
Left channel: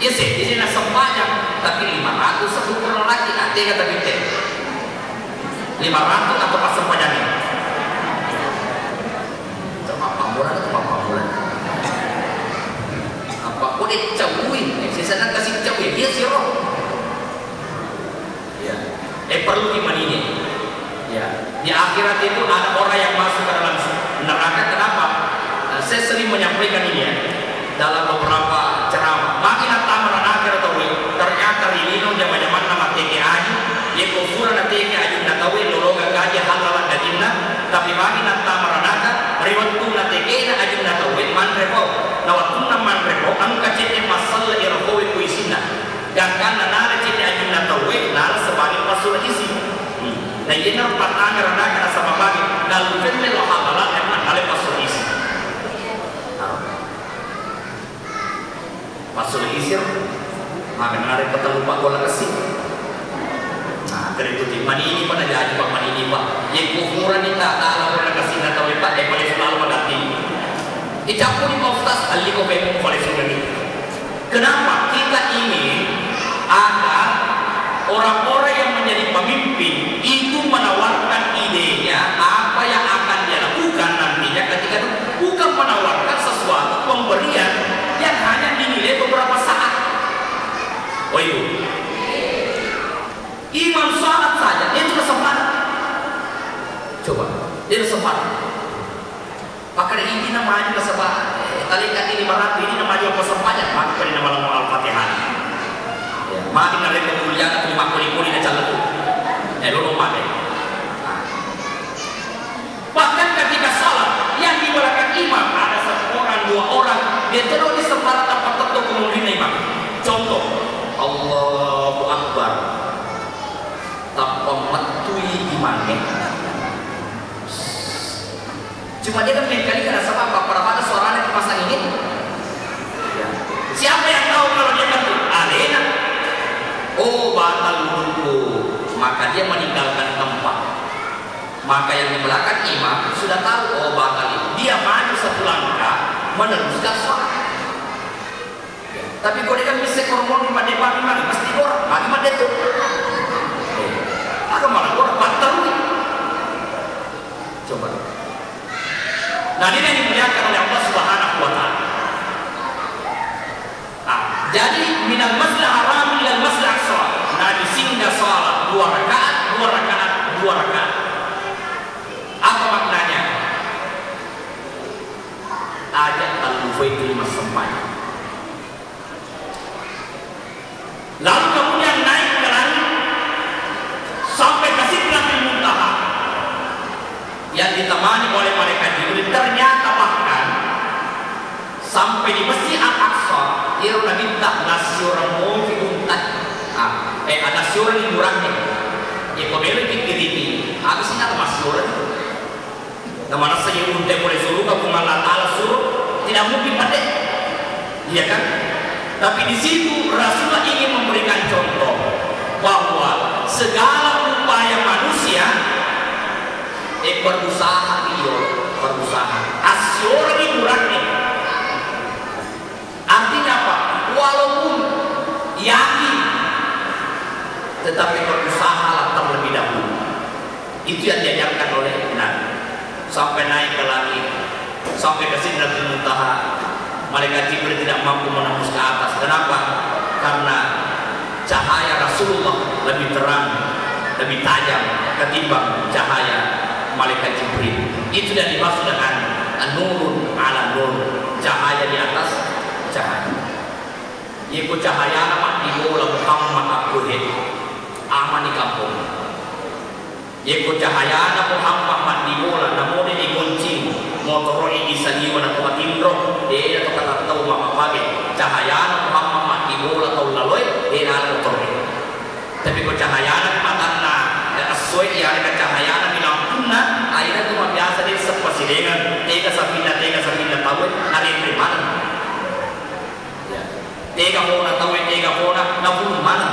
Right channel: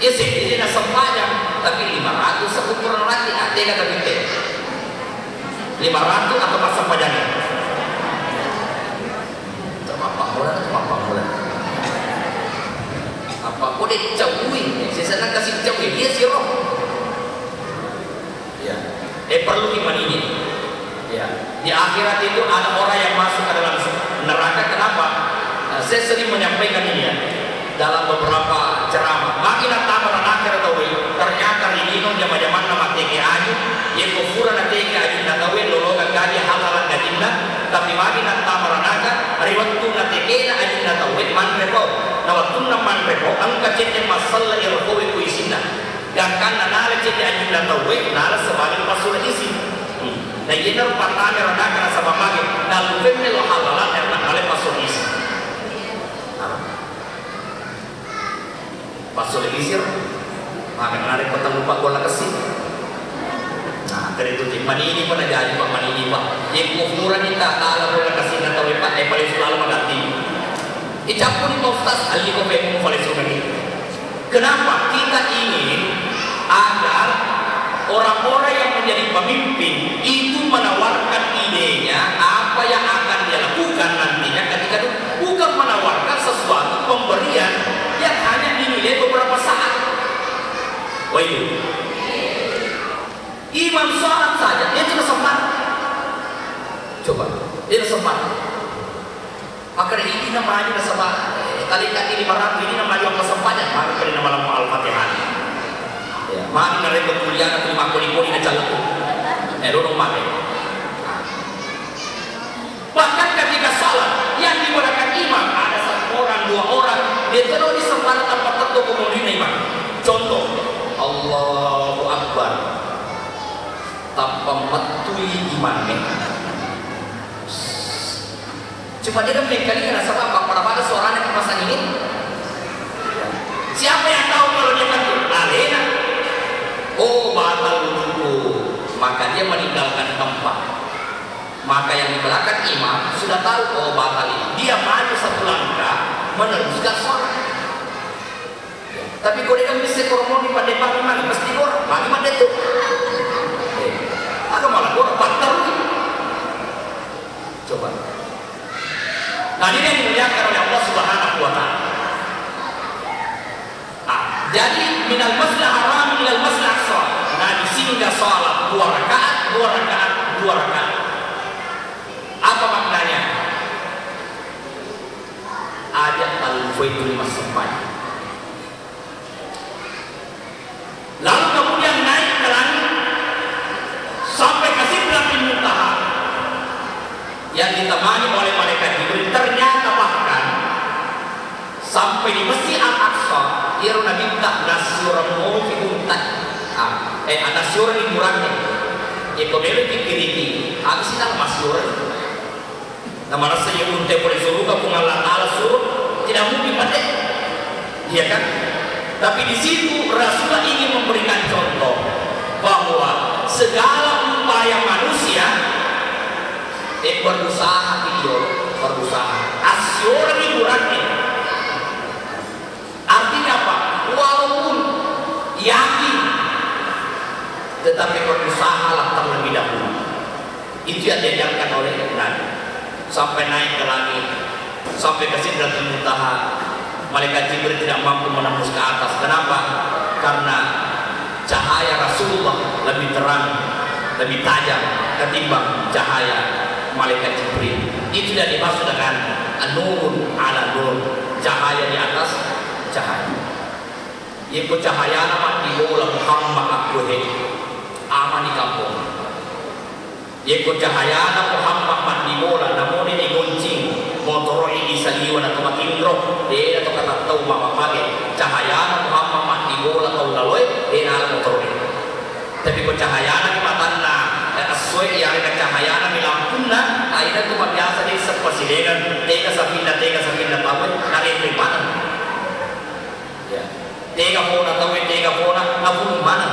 Ya senti dia sampahnya, tapi 500 sekukuran lagi, nanti kata binte 500 atau pas sampahnya nih. Apa boleh cawin? Sisa nak kasih cawin, dia sih roh. Ya, perlu gimana ini? Ya, di akhirat itu ada orang yang masuk ke dalam neraka. Kenapa? Saya sering menyampaikan ini ya, dalam beberapa ceramah. Makin datang orang akhirat ternyata ini zaman-zaman nama TKI, yang kufuran TKI tidak tahu lologa kaji halalan gadinda, tapi makin datang orang akhirat riwayatun TKI na ajin tidak tahu manreko, nawatun manreko angka jadi masalah irkowe kuisina, dan karena nara jadi ajin tidak tahu nara sebagai masalah isi. Dan ini pertanyaan orang sama lagi dalam film halalan yang ada masalah isi. Masalah isi. Maka ada kata lupa bola kasih. Nah, dari itu mani ini pada jadi pak mani ini pak. Yang kufuran ini tak alam bola kasih nak tahu pak. Pada selalu menanti. Kita pun di postas ahli kopeng oleh sini. Kenapa kita ingin agar orang-orang yang menjadi pemimpin itu menawarkan idenya apa yang akan dia lakukan nantinya ketika itu bukan menawarkan sesuatu pemberian yang hanya dinilai beberapa saat. Wah itu imam salat saja itu semangat. Coba itu semangat. Maka ini namanya semangat. Tadi kan ini barang ini namanya apa semangat. Maka ini nama Al-Fatihah. Ya, mari kita kuliah terima kuli-kuli ke jalan itu. Lu pakai. Bahkan ketika salat yang di belakang imam ada 1 orang 2 orang dia terus di separuh tempat tertentu kemudian imam. Contoh Allahu Akbar tanpa metui imamnya. Cuma dia kan kali rasa apa pada suaranya dipasang ini. Siapa yang tahu kalau dia betul? Alena. Oh batal wudu, maka dia meninggalkan tempat. Maka yang di belakang imam sudah tahu oh batal ini. Dia maju 1 langkah meneruskan sholat. Tapi kalau dia kan bisa kormon di depan mandi pasti bor, mandi itu. Ada malah orang batal. Coba. Nah ini yang dimuliakan oleh Allah Subhanahu wa Ta'ala. Jadi minal masjid haram ilal masjid aqsa. Nah di sini sholat 2 rakaat. Apa maknanya? Ada al-Baitul Masmum. Lalu kemudian naik ke langit sampai ke Sidratul Muntaha yang ditemani oleh malaikat Jibril. Ternyata bahkan sampai di Masjid Al-Aqsa dia minta nasyuran mufikum nasyuran indurangnya. Ya kembali ke kiri. Apa sih nama nasyuran? Nama rasa yang untuk disuruh ke Allah Taala suruh tidak mungkin pada. Iya kan? Tapi di situ Rasulullah ingin memberikan contoh bahwa segala upaya manusia berusaha asyur hiburannya. Artinya apa? Walaupun yakin tetapi berusaha terlebih dahulu. Itu yang diajarkan oleh Nabi. Sampai naik ke langit, sampai ke Sidratul Muntaha. Malaikat Jibril tidak mampu menembus ke atas. Kenapa? Karena cahaya Rasulullah lebih terang, lebih tajam ketimbang cahaya malaikat malaikat Jibril. Itu yang dimaksud dengan an-nurun ala nur, cahaya di atas cahaya. Ibu cahaya makdiyo la Muhammad abduhi amani kampung. Ibu cahaya Muhammad makdiyo la namun ini kuncing motor ini saliwa na tumatindro dia atau kata tahu makapage cahaya Muhammad makdiyo la tahu lawai dia ala motor ini. Tapi cahaya di matana asoi yang ada cahaya di lampuna akhirnya cuma biasa dia sepasilengan tega sapindah tahu ada primat. Tega pona tahu tega pona namun mana.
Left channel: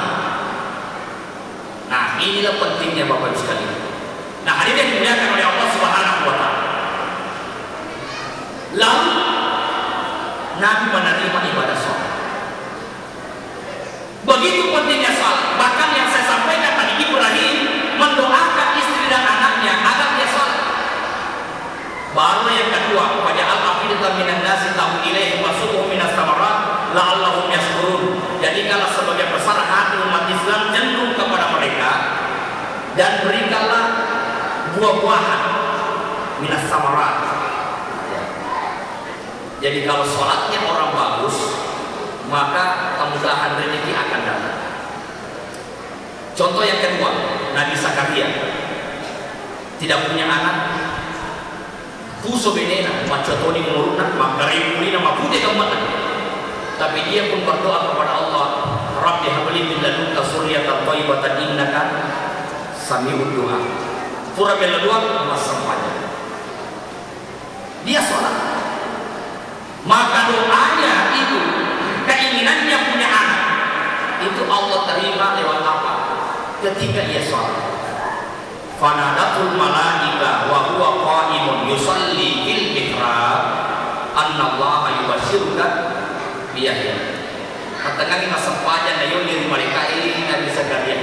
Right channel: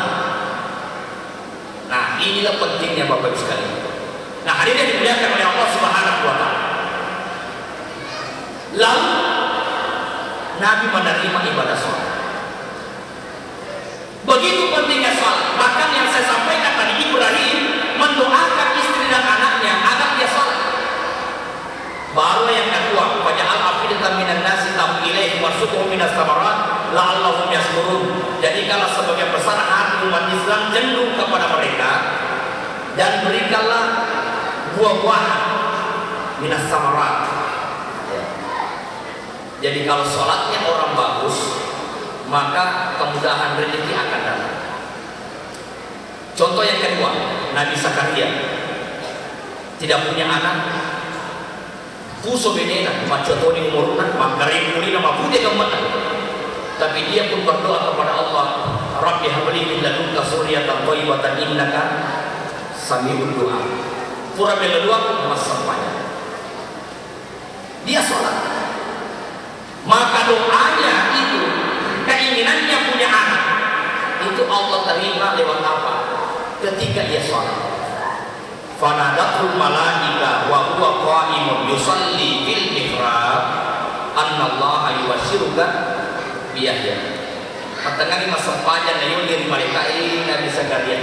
Nah inilah pentingnya Bapak sekalian. Nah hari ini dimuliakan oleh Allah Subhanahu wa Ta'ala. Lalu Nabi menerima ibadah salat. Begitu pentingnya salat. Bahkan yang saya sampaikan tadi, Ibrahim mendoakan istri dan anaknya agar dia salat. Baru yang kedua, pada al-afidatan minan nasi tamu ilaihi warsutuhum minas samarat la'allahum yashkurun. Jadi kalau sebagai besar hati umat Islam cenderung kepada mereka dan berikanlah buah-buahan minas samarat. Jadi kalau sholatnya orang bagus, maka kemudahan rezeki akan datang. Contoh yang kedua, Nabi Zakaria tidak punya anak. Kuso benena macotoni umurna mangkari kulina mabuti kemana. Tapi dia pun berdoa kepada Allah, Rabbi habli min ladunka dzurriyyatan thayyibatan innaka sami'ud du'a. Surah Al-2 masampanya. Dia sholat. Maka doanya itu, keinginannya punya anak, itu Allah terima lewat apa? Ketika ia sholat. Fanadatul malaika wa huwa qa'imun yusalli fil mihrab annallaha yubashshiruka bi Yahya. Katanya masa pajan na yun dari mereka ini Nabi Zakaria.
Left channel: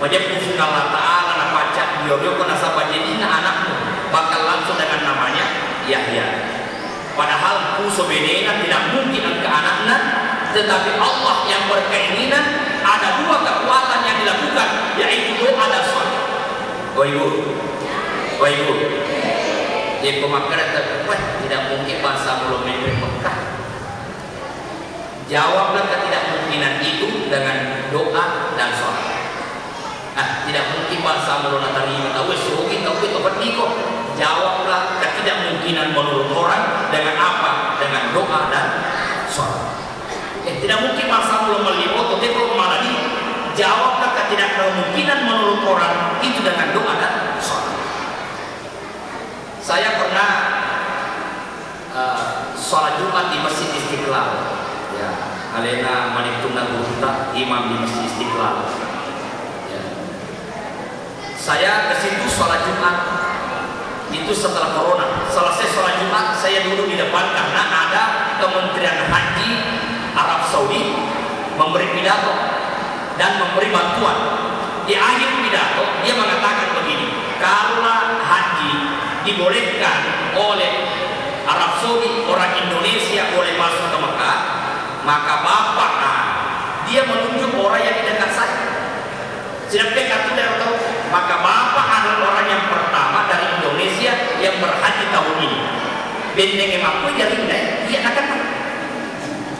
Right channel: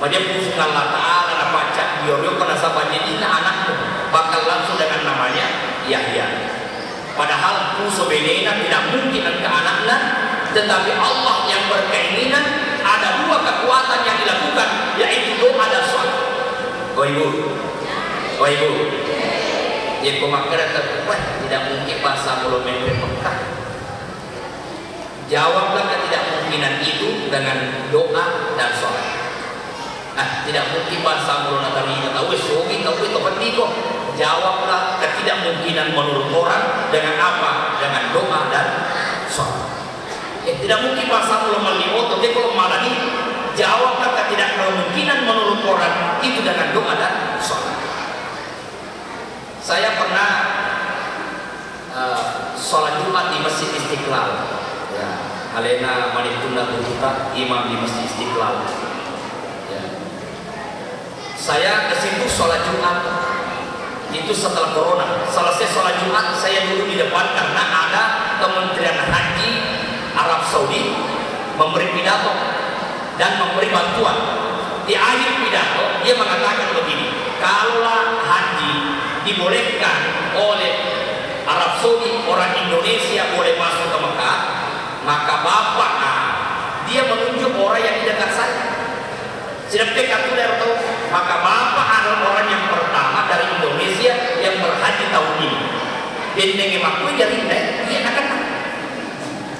Pada pusung Allah Ta'ala na baca biyo ko na sa pajidina anakmu bakal langsung dengan namanya Yahya. Padahal puso benena tidak mungkin ke anaknya, tetapi Allah yang berkeinginan ada dua kekuatan yang dilakukan, yaitu doa dan salat. Waibu, jadi pemakaian terdekat tidak mungkin bangsa belum Mekah. Jawablah ketidakmungkinan itu dengan doa dan salat. Nah, tidak mungkin bangsa belum terima tahu sugi tahu itu penting. Jawablah ketidakmungkinan menurut orang dengan apa? Dengan doa dan salat. Tidak mungkin bangsa belum melihat tapi belum malah ini. Jawablah ketidakmungkinan menurut orang itu dengan doa dan salat. Saya pernah sholat Jumat di Masjid Istiqlal. Ya, Alena Malikuna Bukhita, imam di Masjid Istiqlal. Ya. Saya ke situ sholat Jumat itu setelah corona. Selesai sholat Jumat saya duduk di depan karena ada Kementerian Haji Arab Saudi memberi pidato dan memberi bantuan. Di akhir pidato dia mengatakan begini, kalau haji dibolehkan oleh Arab Saudi, orang Indonesia boleh masuk ke Mekah, maka bapak dia menunjuk orang yang di dekat saya. Sedang dekat tidak tahu, maka bapak adalah orang yang pertama dari Indonesia yang berhaji tahun ini. Benteng emakku jadi dia akan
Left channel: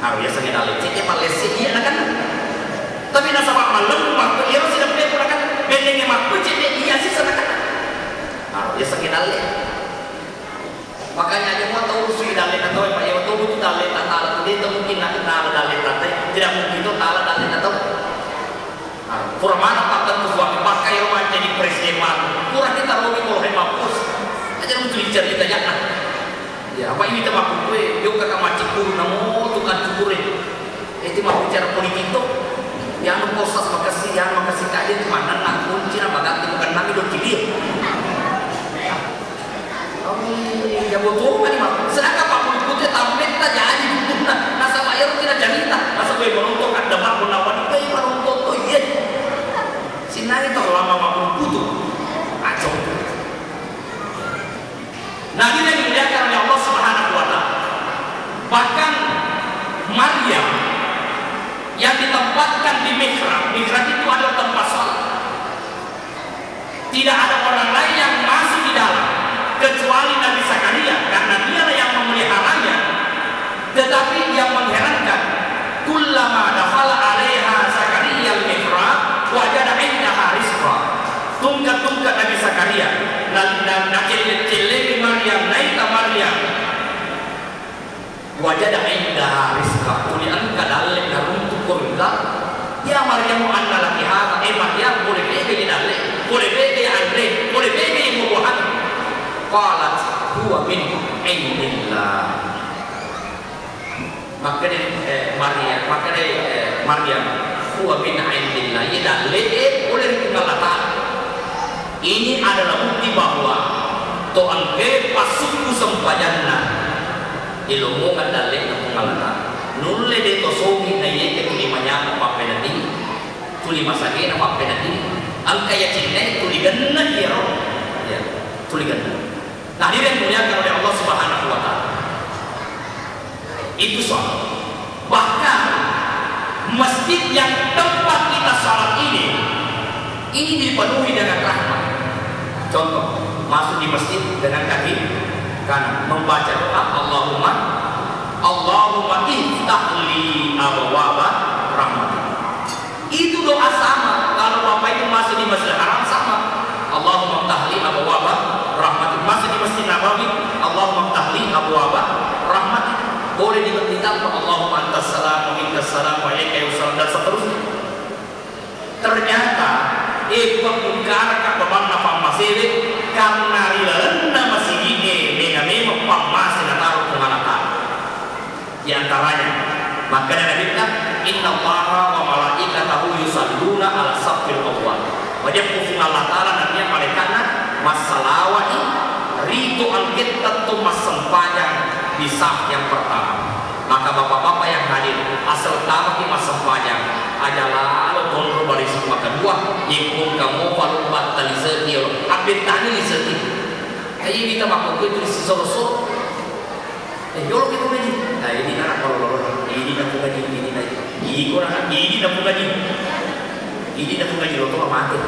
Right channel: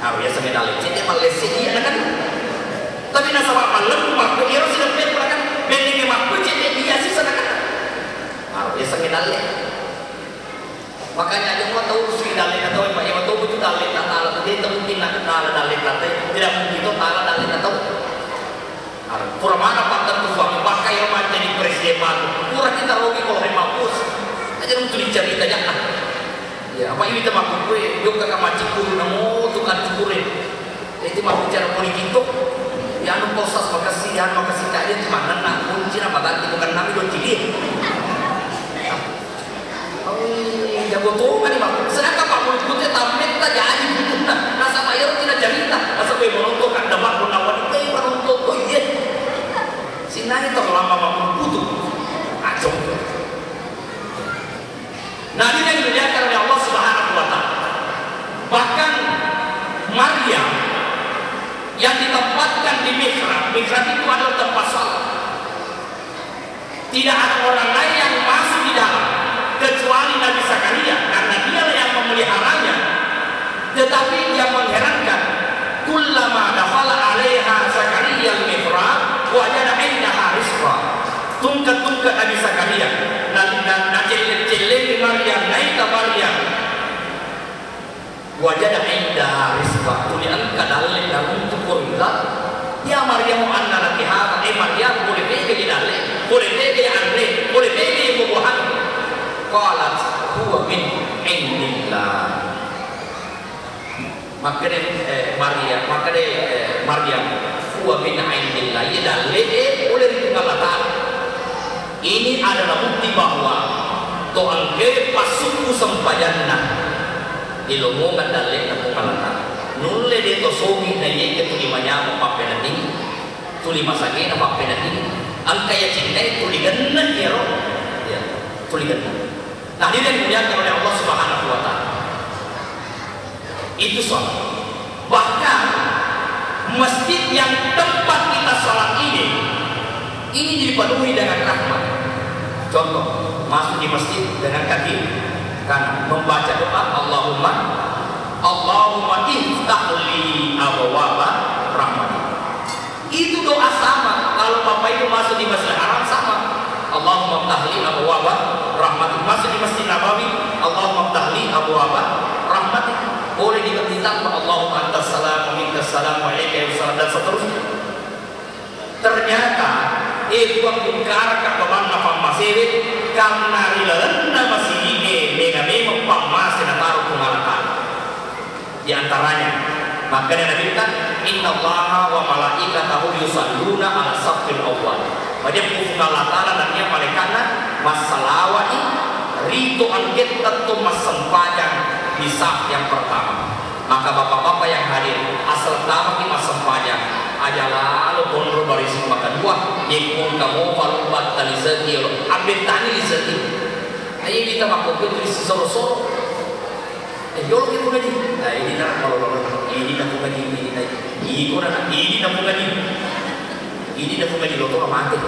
harus ya sengaja lecet ya Malaysia dia akan. Tapi nasa malam waktu dia sudah melakukan benteng emakku jadi dia sih sengaja. Harus ya sengaja lecet. Makanya aja mau tahu sih dan leta tahu apa yang tahu itu dan leta tahu itu mungkin nak kenal dan leta tidak mungkin itu tahu dan leta tahu. Kurang mana pakar tu suami pakai yang macam di presiden kurang kita rogi kalau hemat aja untuk bicara kita jangan. Ya apa ini teman gue juga kata macam kurang namo tukang cukurin. Itu mau bicara politik tu yang proses makasih kajian di mana nak kunci apa nanti bukan nanti dong cilik. Ya betul kan ini sedangkan Pak Putri tampil saja aja butuhkan rasa bayar tidak cerita masa gue menentukan demak penawan itu ibarat untuk tuh iya sinai itu lama maupun butuh aja nah ini yang dimuliakan oleh Allah Subhanahu wa Ta'ala. Bahkan Maryam yang ditempatkan di mihrab itu adalah tempat salat, tidak ada orang lain yang masuk di dalam. wajada inda rizqa tulian kadalek dalam tukurka ya Maryam anna laki hada Maryam boleh bege dalle boleh bege andre boleh bege mubahat qalat huwa min indillah makanya Maryam huwa min indillah ya dalle boleh dikalata ini adalah bukti bahwa Tuhan ke pasuku sempajana ilmu kan dalek atau ngalata nulle de to sogi na ye ke tuli manya apa penati tuli masake apa penati angka ya cinta tuli ganna ya tuli ganna nah ini yang dimuliakan oleh Allah Subhanahu wa taala itu soal bahkan masjid yang tempat kita salat ini dipenuhi dengan rahmat contoh masuk di masjid dengan kaki kan membaca doa Allahumma iftahli abwaaba rahmatik. Itu doa sama kalau Bapak itu masuk di Masjidil Haram sama. Allahumma iftahli abwaaba rahmatik. Masuk di Masjid Nabawi, Allahumma iftahli abwaaba rahmatik. Boleh diberitakan Allahumma antas salam wa minkas salam wa ilaika yussalam dan seterusnya. Ternyata itu waktu karakter kemanna pamasere karena rilana masih ini mengamemu pamase na taruh kumanata di antaranya makanya Nabi kata inna allaha wa malaikatahu yusalluna ala safil awwal wajib kufung Allah ta'ala dan yang malaikatna masalawati ritu al-gittat tu mas sempajang di saf yang pertama maka bapak-bapak yang hadir asal tahu di mas sempajang adalah untuk berisi kedua yang kamu kalau buat tali sekil update tali sekil kayak kita waktu itu sosok jauh kita lagi nah ini nak kalau ini nak lagi ini kurang ini nak lagi lo mati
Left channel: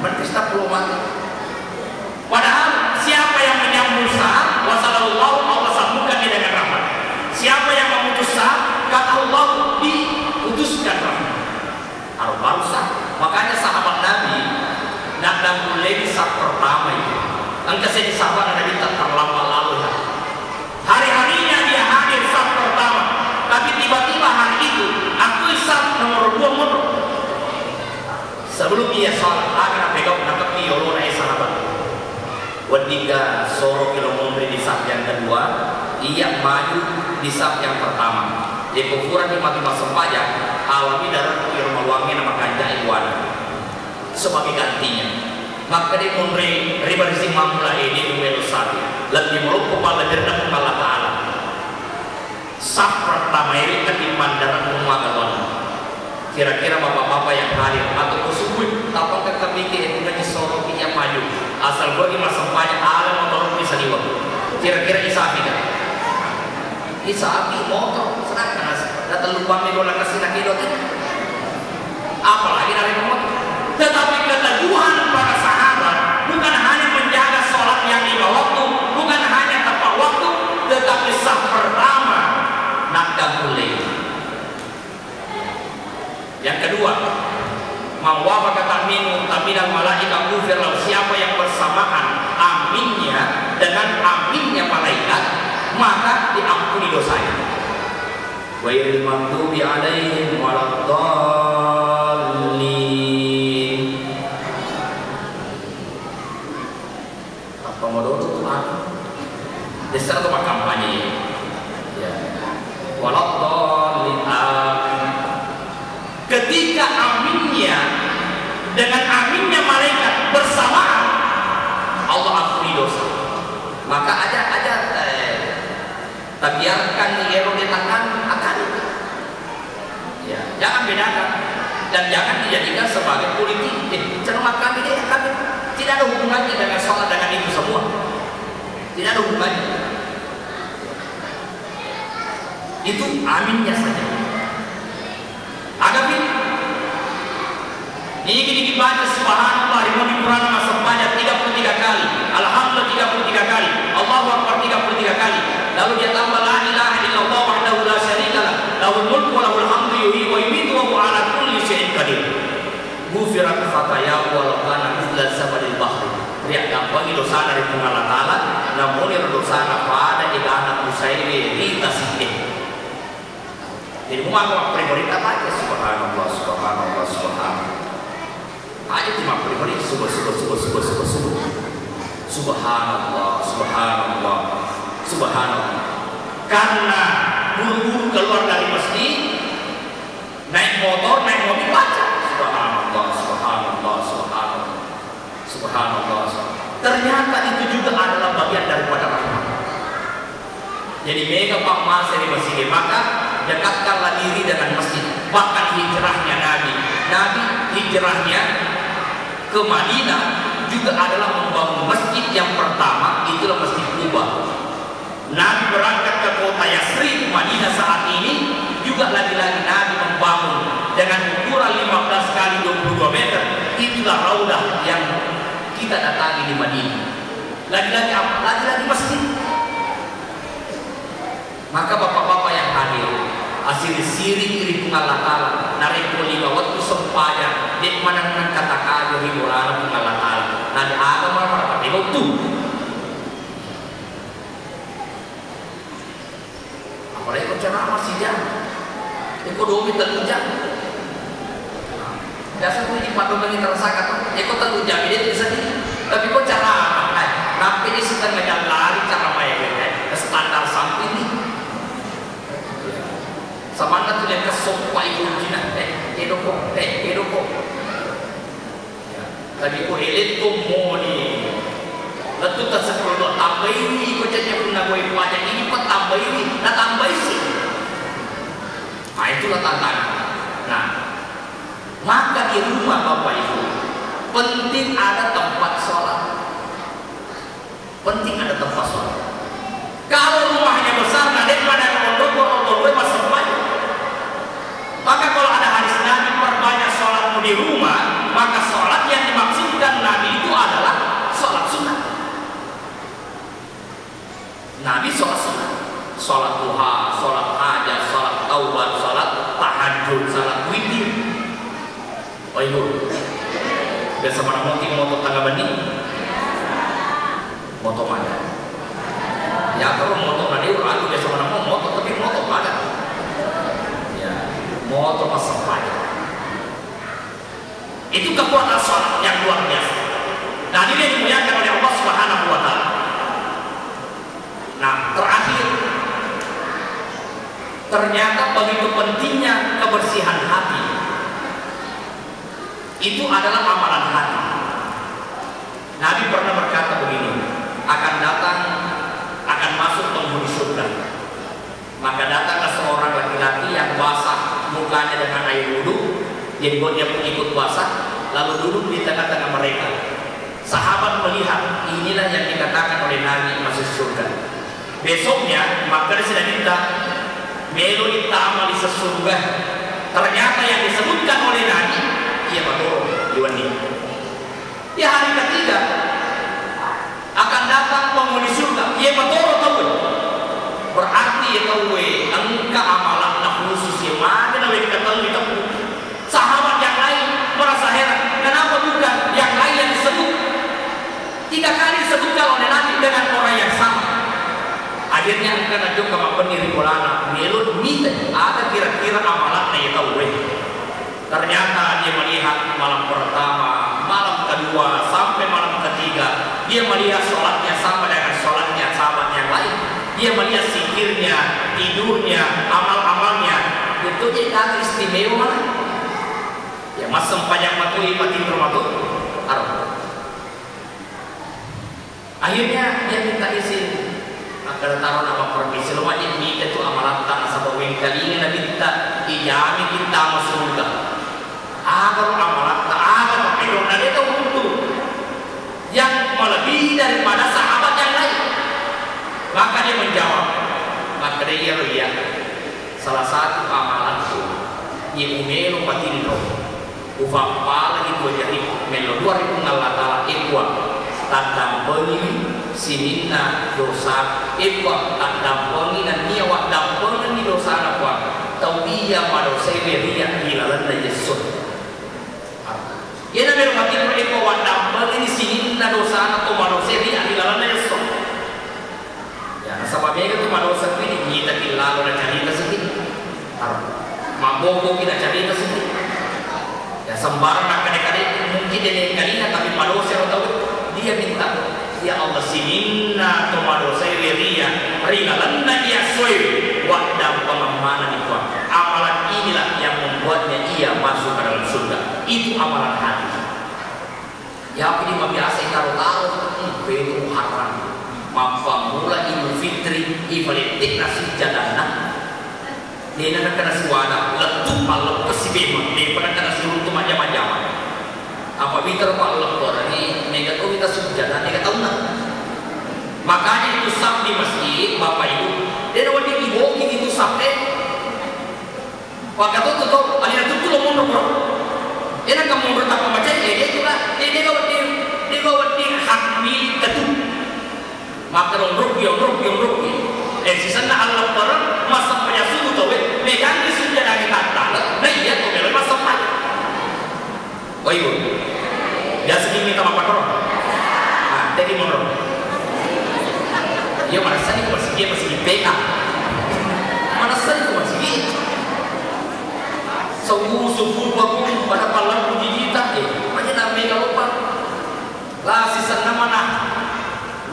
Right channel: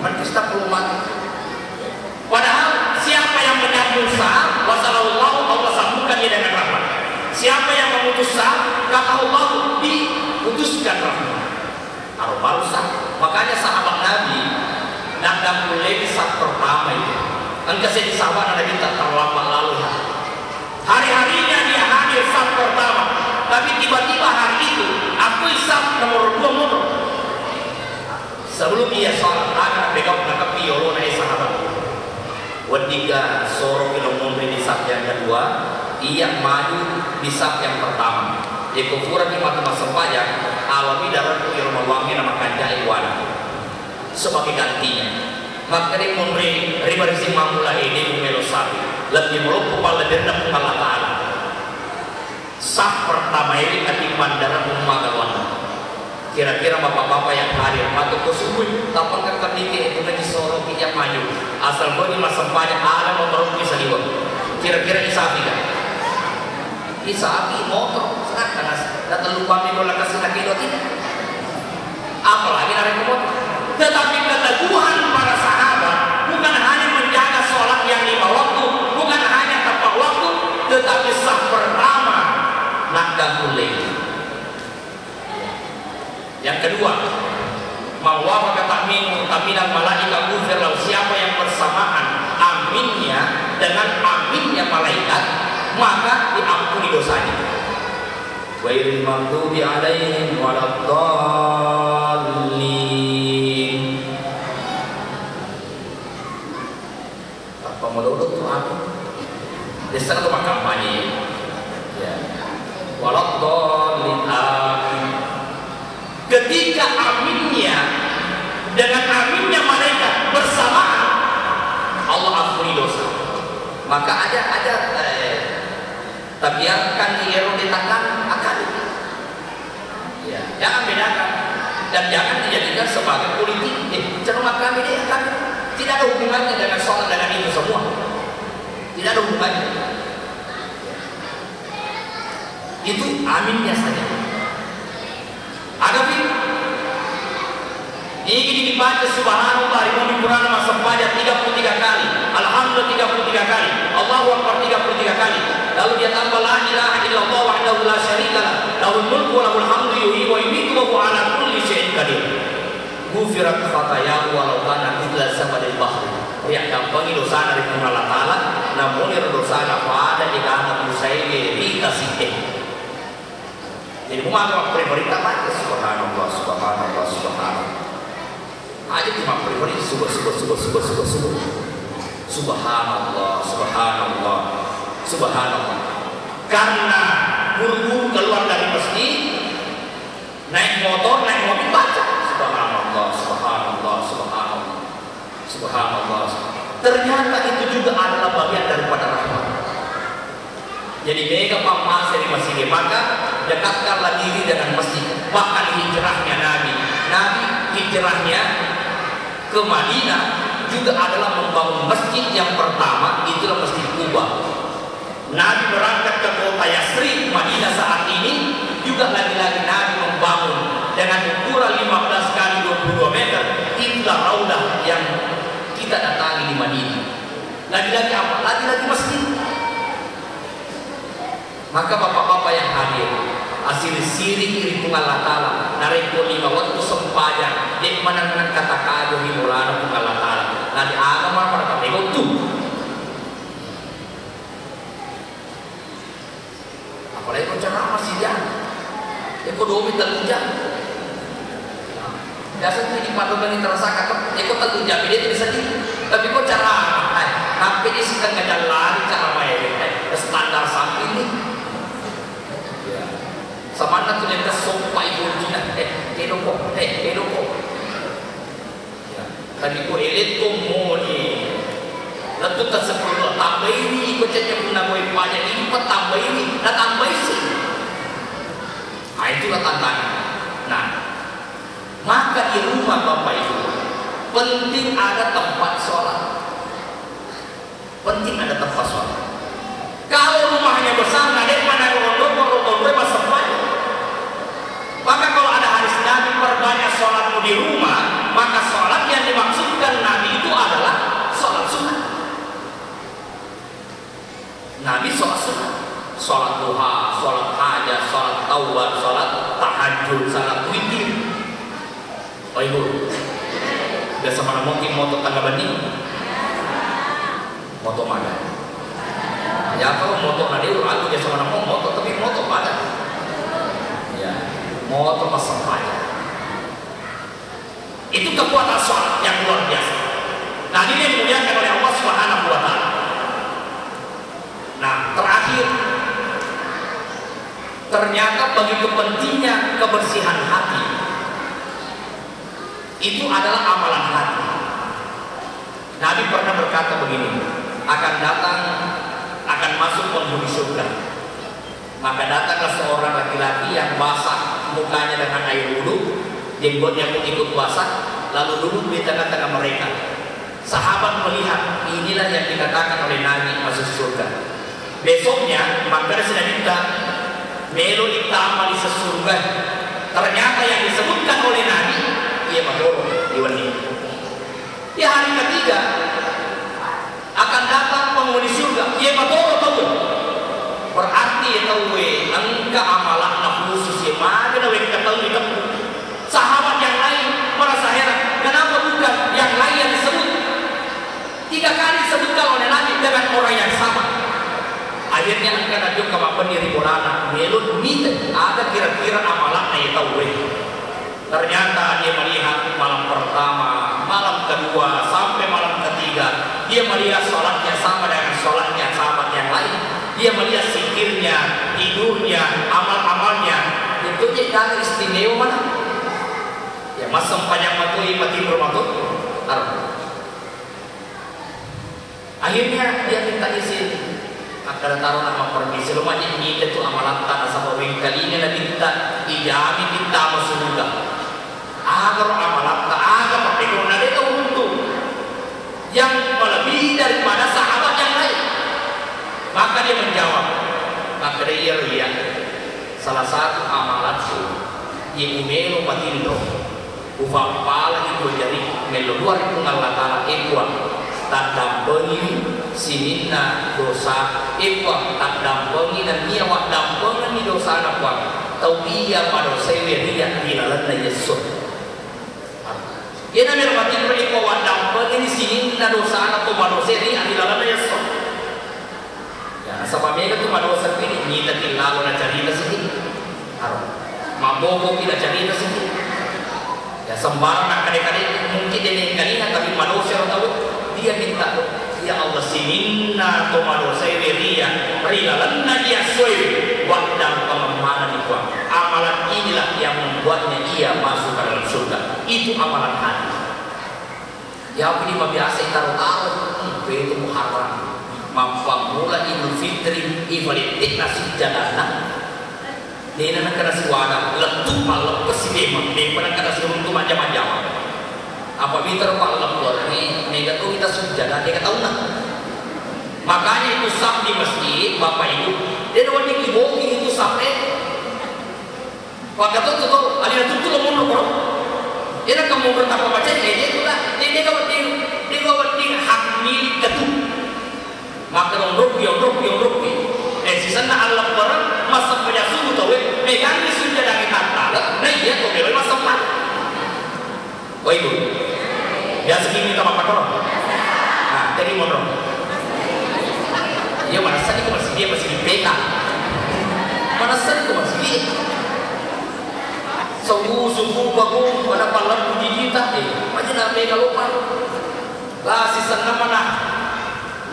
berkista perlu mati padahal siapa yang menyambut Musa wasallallahu wasallamkan dia dengan rahmat siapa yang memutus kata Allah diputuskan rahmat barusan makanya sahabat Nabi nak mulai di saat pertama itu angka saya di sahabat Nabi tak terlalu lalu hari-harinya dia hadir saat pertama tapi tiba-tiba hari itu aku saat nomor 2 motor sebelum dia salat agar pegang mata piolo naik sahabat wadiga soro kilo memberi di saat yang kedua ia maju di saat yang pertama dia kufuran di mata sempajang alami darah yang mewangi nama kanjah iwan sebagai gantinya maka dia memberi ribarisi mamula ini memelo sapi lebih meluk kepala dan kepala ta'ala sah pertama ini akan mandaran umat kira-kira bapak-bapak yang hadir atau kusubui tapakkan kedikit itu lagi seorang yang maju asal gua di masa banyak alam motor bisa dibuat kira-kira isafi dah isafi motor senang datang lupa bola kasih lagi roti apalagi dari motor tetapi keteguhan para sahabat bukan hanya menjaga sholat yang 5 waktu bukan hanya tepat waktu tetapi sah pertama nakdahul lail yang kedua mawafaq ta'min taminal malaikat kufir lalu siapa yang bersamaan aminnya dengan aminnya malaikat maka diampuni dosanya ghairil maghdubi alaihim waladdallin apa menurut Tuhan dasar itu kampanye ya waladdallin ketika aminnya dengan aminnya malaikat bersamaan Allah ampuni dosa maka aja biarkan dia diletakkan akan ya jangan bedakan dan jangan dijadikan sebagai politik cermatkan ini akan tidak ada hubungannya dengan sholat dengan itu semua tidak ada hubungannya itu aminnya saja Hadapi ini dibaca subhanallah di Quran masa banyak 33 kali alhamdulillah 33 kali Allahu akbar 33 kali lalu dia tambah la ilaha illallah wahdahu la syarika lah lahul mulku wa lahul hamdu yuhyi wa yumiitu wa huwa ala kulli syai'in qadir ghufirat khatayahu wa kana mithla sabadil bahri riak bagi dosa dari Allah Taala namun yang dosa pada di dalam saya berita sih. Jadi mau apa berita aja subhanallah subhanallah subhanallah. Aja cuma berita subhanallah subhanallah subhanallah. Karena buru keluar dari masjid, naik motor, naik mobil baca subhanallah subhanallah subhanallah subhanallah. Ternyata itu juga adalah bagian daripada rahmat. Jadi mega pak di masjid, maka dekatkanlah diri dengan masjid. Bahkan hijrahnya Nabi hijrahnya ke Madinah juga adalah membangun masjid yang pertama, itulah Masjid Quba. Nabi berangkat ke kota Yasrib, Madinah saat ini juga lagi-lagi Nabi membangun dengan ukuran 15 kali 22 meter. Itulah raudah yang kita datangi di Madinah. Lagi-lagi apa? Lagi-lagi masjid. Maka bapak-bapak yang hadir, asli siri-iri Allah Ta'ala, nareko lima waktu sempaya, dek manang-manang kata kayo hiburan Allah Ta'ala. Nanti ada para pegawai tuh. Apalagi kau ceramah sih jangan. Ekonomi terujang. Biasa tuh di padu kami terasakan, kau terujang, dia tidak sedih. Tapi kau ceramah, tapi di setengah jalan lari ceramah ya, standar sampai ini. Samana tu dia kesompa ibu Cina, hidup kok. Tadi ko elit ko mo ni, lalu tak seperti itu tambah ini, ko jadi pun nak buat banyak ini, pak tambah ini, nak tambah sih. Nah itulah tantangan. Nah, maka di rumah bapak itu penting ada tempat sholat, penting ada tempat sholat. Kalau rumahnya besar, ada mana kalau masuk banyak. Maka kalau ada hadis Nabi perbanyak sholatmu di rumah, maka sholat yang dimaksudkan Nabi itu adalah sholat sunat. Nabi sholat sunat, sholat duha, sholat hajat, sholat taubat, sholat tahajud, sholat witir. Oh itu, biasa mana mungkin moto tangga banding, moto mana? Ya kalau moto hadir lagi biasa mana moto, tapi moto mana? Moto masalah itu kekuatan sholat yang luar biasa. Nah ini yang dimuliakan oleh Allah Subhanahu wa Ta'ala. Nah terakhir, ternyata begitu pentingnya kebersihan hati. Itu adalah amalan hati. Nabi pernah berkata begini, akan masuk penghuni surga. Maka datanglah seorang laki-laki yang basah mukanya dengan air wudhu, jenggotnya pun ikut basah, lalu duduk di tengah-tengah mereka. Sahabat melihat, inilah yang dikatakan oleh Nabi masuk surga. Besoknya maka sudah minta melu ditambah di surga. Ternyata yang disebutkan oleh Nabi, ia betul diwangi. Di hari ketiga akan datang penghuni surga, ia betul. Berarti tahu engka amalan khusus yang mana lebih ketahui tahu. Sahabat yang lain merasa heran, kenapa bukan yang lain yang disebut? 3 kali disebutkan oleh Nabi dengan orang yang sama. Akhirnya akan ada ke pendiri Quran, melun minta ada kira-kira amalan yang tahu. Ternyata dia melihat malam pertama, malam kedua sampai malam ketiga, dia melihat sholatnya sama dengan sholatnya sahabat yang lain. Dia melihat zikirnya, tidurnya, amal-amalnya, itu dia istimewa mana? Ya masa panjang matui mati bermatuk. Akhirnya dia minta izin. Maka taruh nama permisi lu wajib minta itu amalan tak sampai kali ini nanti kita ijami kita surga. Agar amalan tak agar tapi karena dia tahu untuk yang melebihi daripada sahabat yang lain. Maka dia menjawab, maka dia lihat salah satu amalan itu yang umelo batin itu ufak pala itu jadi melu 2000 ngalata ekwa tandang beli sinina dosa ekwa tandang beli dan dia wak dampengan di dosa apa tau dia wak dosa beriak hilalan na Yesus. Ia namanya batin ekwa wak dampengan di sinina dosa atau wak dosa beriak hilalan na Yesus. Sebabnya itu pada dosa dia kalina tapi manusia tahu dia minta ya Allah sininna to manusia ria lanna dia soy waktu pengamalan itu amalan inilah yang membuatnya ia masuk ke dalam surga itu amalan hati yang ini biasa taruh itu muharram mula Idul Fitri ibalitik nasi jalanan di mana kena suara letup malam kesibem di mana kena suruh itu macam-macam apa bitar malam orang ini mereka tuh kita sudah mereka tahu nak makanya itu sab di masjid bapak itu dia dapat dikiboki itu sampai pak kata tuh ada itu tuh mau nomor dia nak kamu bertapa macam dia juga dia dapat di hak milik itu maka rugi sisa na alam orang masuk pada suhu tu megang di sudah dari tata nah iya kau boleh masuk mana oh itu ya segini kita makan orang nah tadi mana ya merasa itu masih di PA merasa itu masih di suhu bagus pada palang digital aja namanya kalau pak lah sisa nama nah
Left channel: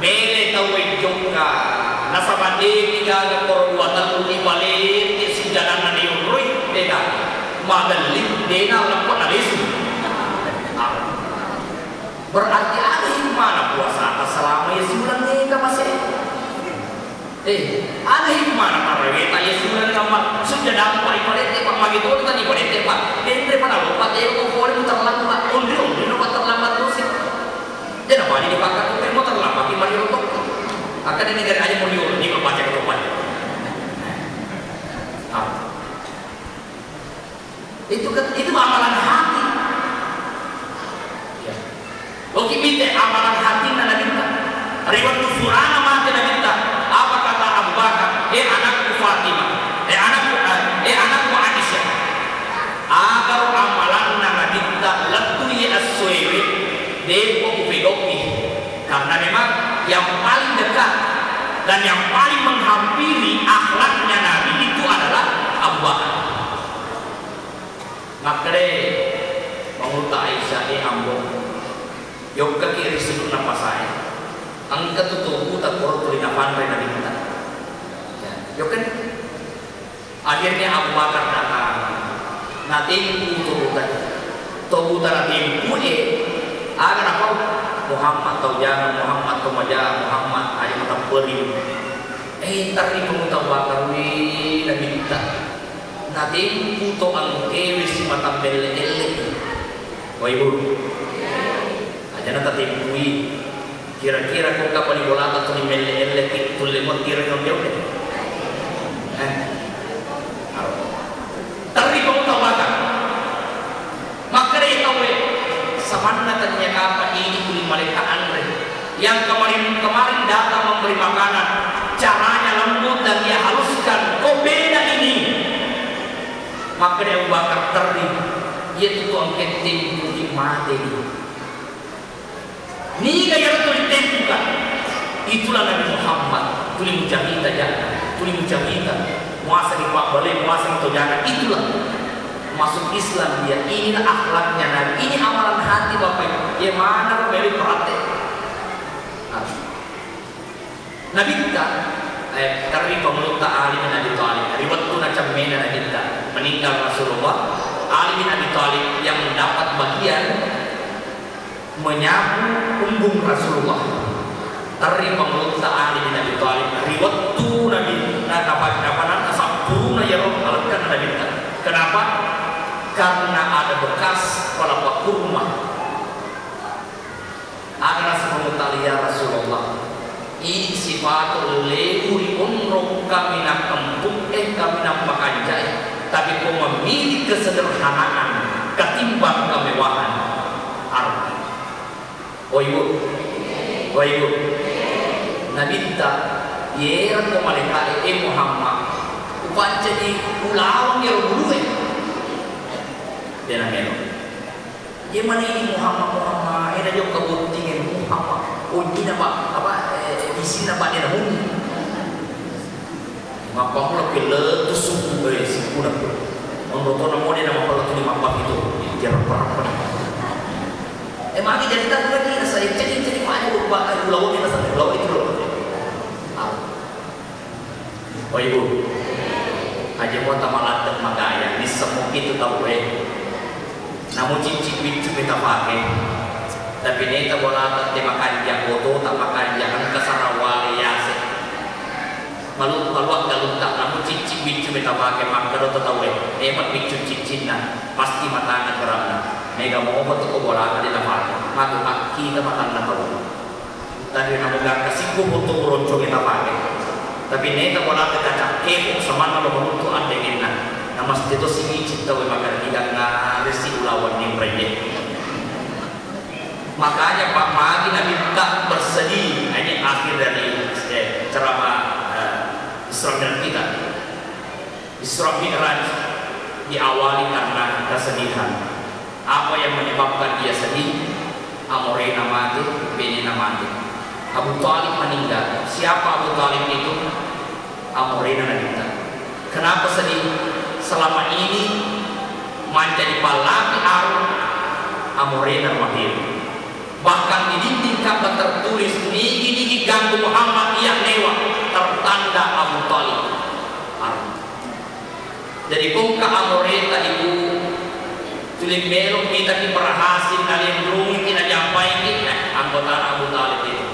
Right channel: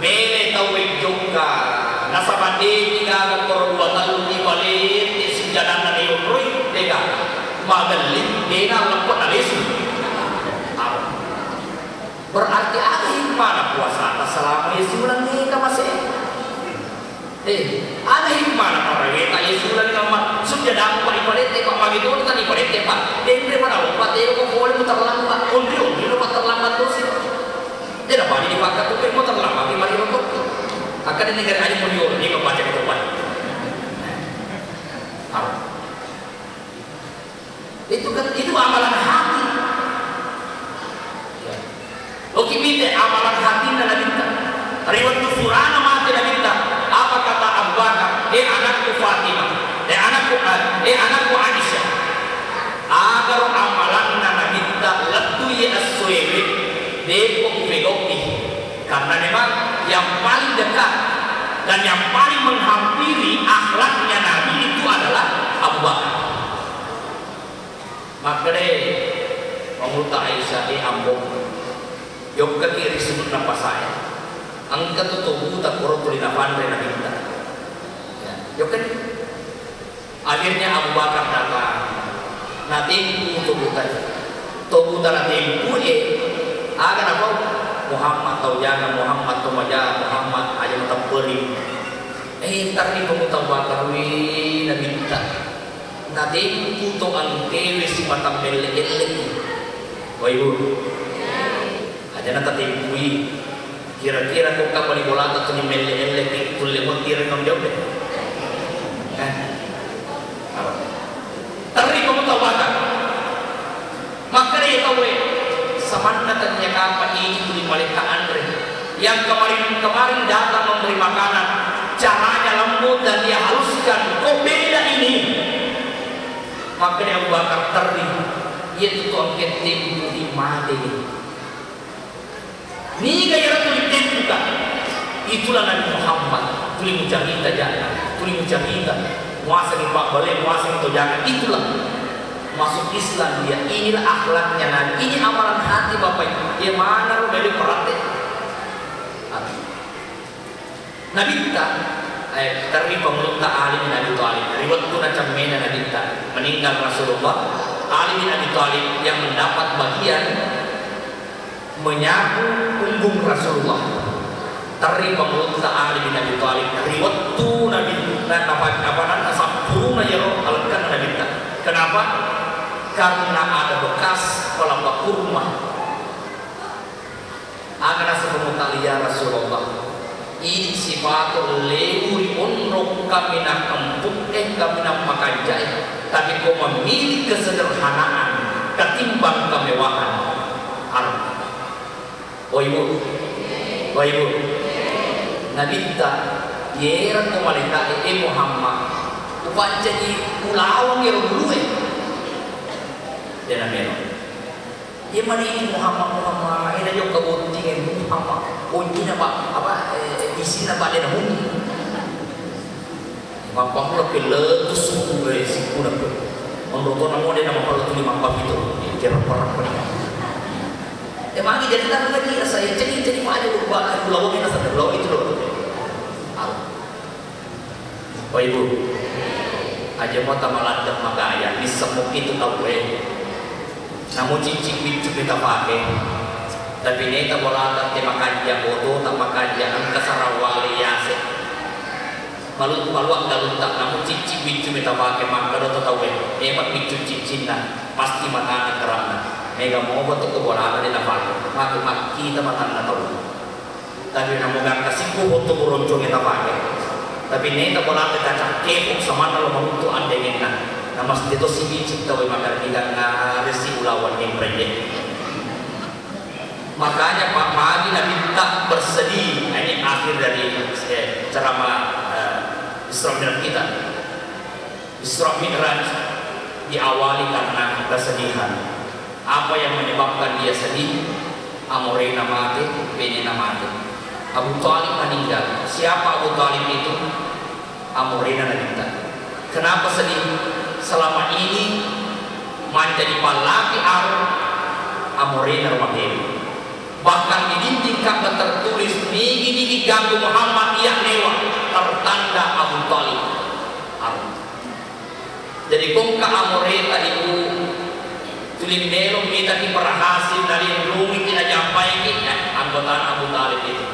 mele tahu juga nasabandi tiga dua tahun di balik sejalan nani urui deka magelik dena lampau nalisu berarti akhir mana puasa selama Yesuran deka masih akhir mana karewe tanya Yesuran nama sejalan balik deka magi pun tadi balik deka dende mana lupa deka boleh muter lambat undi lupa terlambat terus dia dapat dipakai kau muter lambat di mari lupa akan ini negara aja meniur ini membaca ketupat itu amalan hati ya. Oke minta amalan hati nana minta riwayat surana mati nana minta apa kata Abu Bakar anakku Fatimah anakku Aisyah agar amalan nana minta letui as-suwi depo kufidoki karena memang yang paling dekat dan yang paling menghampiri akhlaknya Nabi itu adalah Abu Bakar. Makanya menguta Aisyah ambon, yoga kiri sebut napa saya, angkat tuh tak korot dari nafan dari Nabi kita. Yoga akhirnya Abu Bakar datang, nanti tubutan nanti ada apa? Muhammad atau jangan Muhammad atau majah Muhammad aja tempat beri ntar ni kung tahu bakar wi na minta nanti puto ang kewis si patang bele-ele wayu aja na tati wi kira-kira kung kapal ni bola atau ni bele-ele itu lemot kira kong jauh deh tari kung tahu bakar maka dia tahu samana ternyata apa ini tulis balik Andre yang kemarin datang memberi makanan caranya lembut dan dia haluskan kok beda ini maka dia bakar teri itu tuh angket tim di mati ini gaya tulis juga itulah Nabi Muhammad tulis mucamita jangan tulis mucamita muasa di pak balik muasa itu jangan itulah masuk Islam dia inilah akhlaknya Nabi ini amalan hati Bapak dia mana lu beri perhati Nabi kita dari pemerintah ahli bin Abi Thalib dari waktu macam mana Nabi kita meninggal Rasulullah Ali bin Abi Thalib yang mendapat bagian menyapu punggung Rasulullah dari pemerintah ahli bin Abi Thalib dari waktu Nabi apa sempurna ya kalau kan Nabi kita kenapa? Karena ada bekas kelapa kurma. Agar sebelum talia Rasulullah. Ini sifat leuri umroh kami nak empuk kami nak makanjai. Tapi kau memilih kesederhanaan ketimbang kemewahan. Arti. Waibu, Nabi kita, yer kau malaikat Muhammad. Bukan jadi ulawang yang dulu dia dia mana ini Muhammad ini aja keguntingan Muhammad ini apa isi nama dia namun maka kalau kita suku si kuda nomor orang mau dia nama kalau tu lima itu dia berapa Emang jadi tak lagi saya jadi banyak berubah pulau kita sampai pulau itu loh. Oh ibu, aja mau tamalan dan makanya di semua itu tahu namun cincin itu kita pakai. Tapi ini tak boleh tak makan yang bodoh, tak makan yang kesarawali ya sih. Malu kalau tak namun cincin itu kita pakai maka do tahu emang itu cincin pasti makan kerana. Nega mau betul bola ada di tempat, aku kita makan tahu. Tapi namun kasih betul ronco kita pakai. Tapi nega bola kita cakap sama kalau untuk anda enak. Nama itu sih cipta makan tidak resi lawan yang berjaya. Makanya Pak Magi Nabi tak bersedih. Ini akhir dari ceramah Isra Mi'raj kita. Isra Mi'raj diawali karena kesedihan. Apa yang menyebabkan dia sedih? Amrayna mati, Benina mati. Abu Thalib meninggal. Siapa Abu Thalib itu? Amrayna meninggal. Kenapa sedih? Selama ini menjadi palagi Amrayna lahir. Bahkan di dinding Ka'bah tertulis ini gantung Muhammad yang lewat tertanda Abu Thalib. Jadi kungka Amrayna ibu tulis belum kita berhasil dari belum kita sampai ini anggota Abu Thalib itu.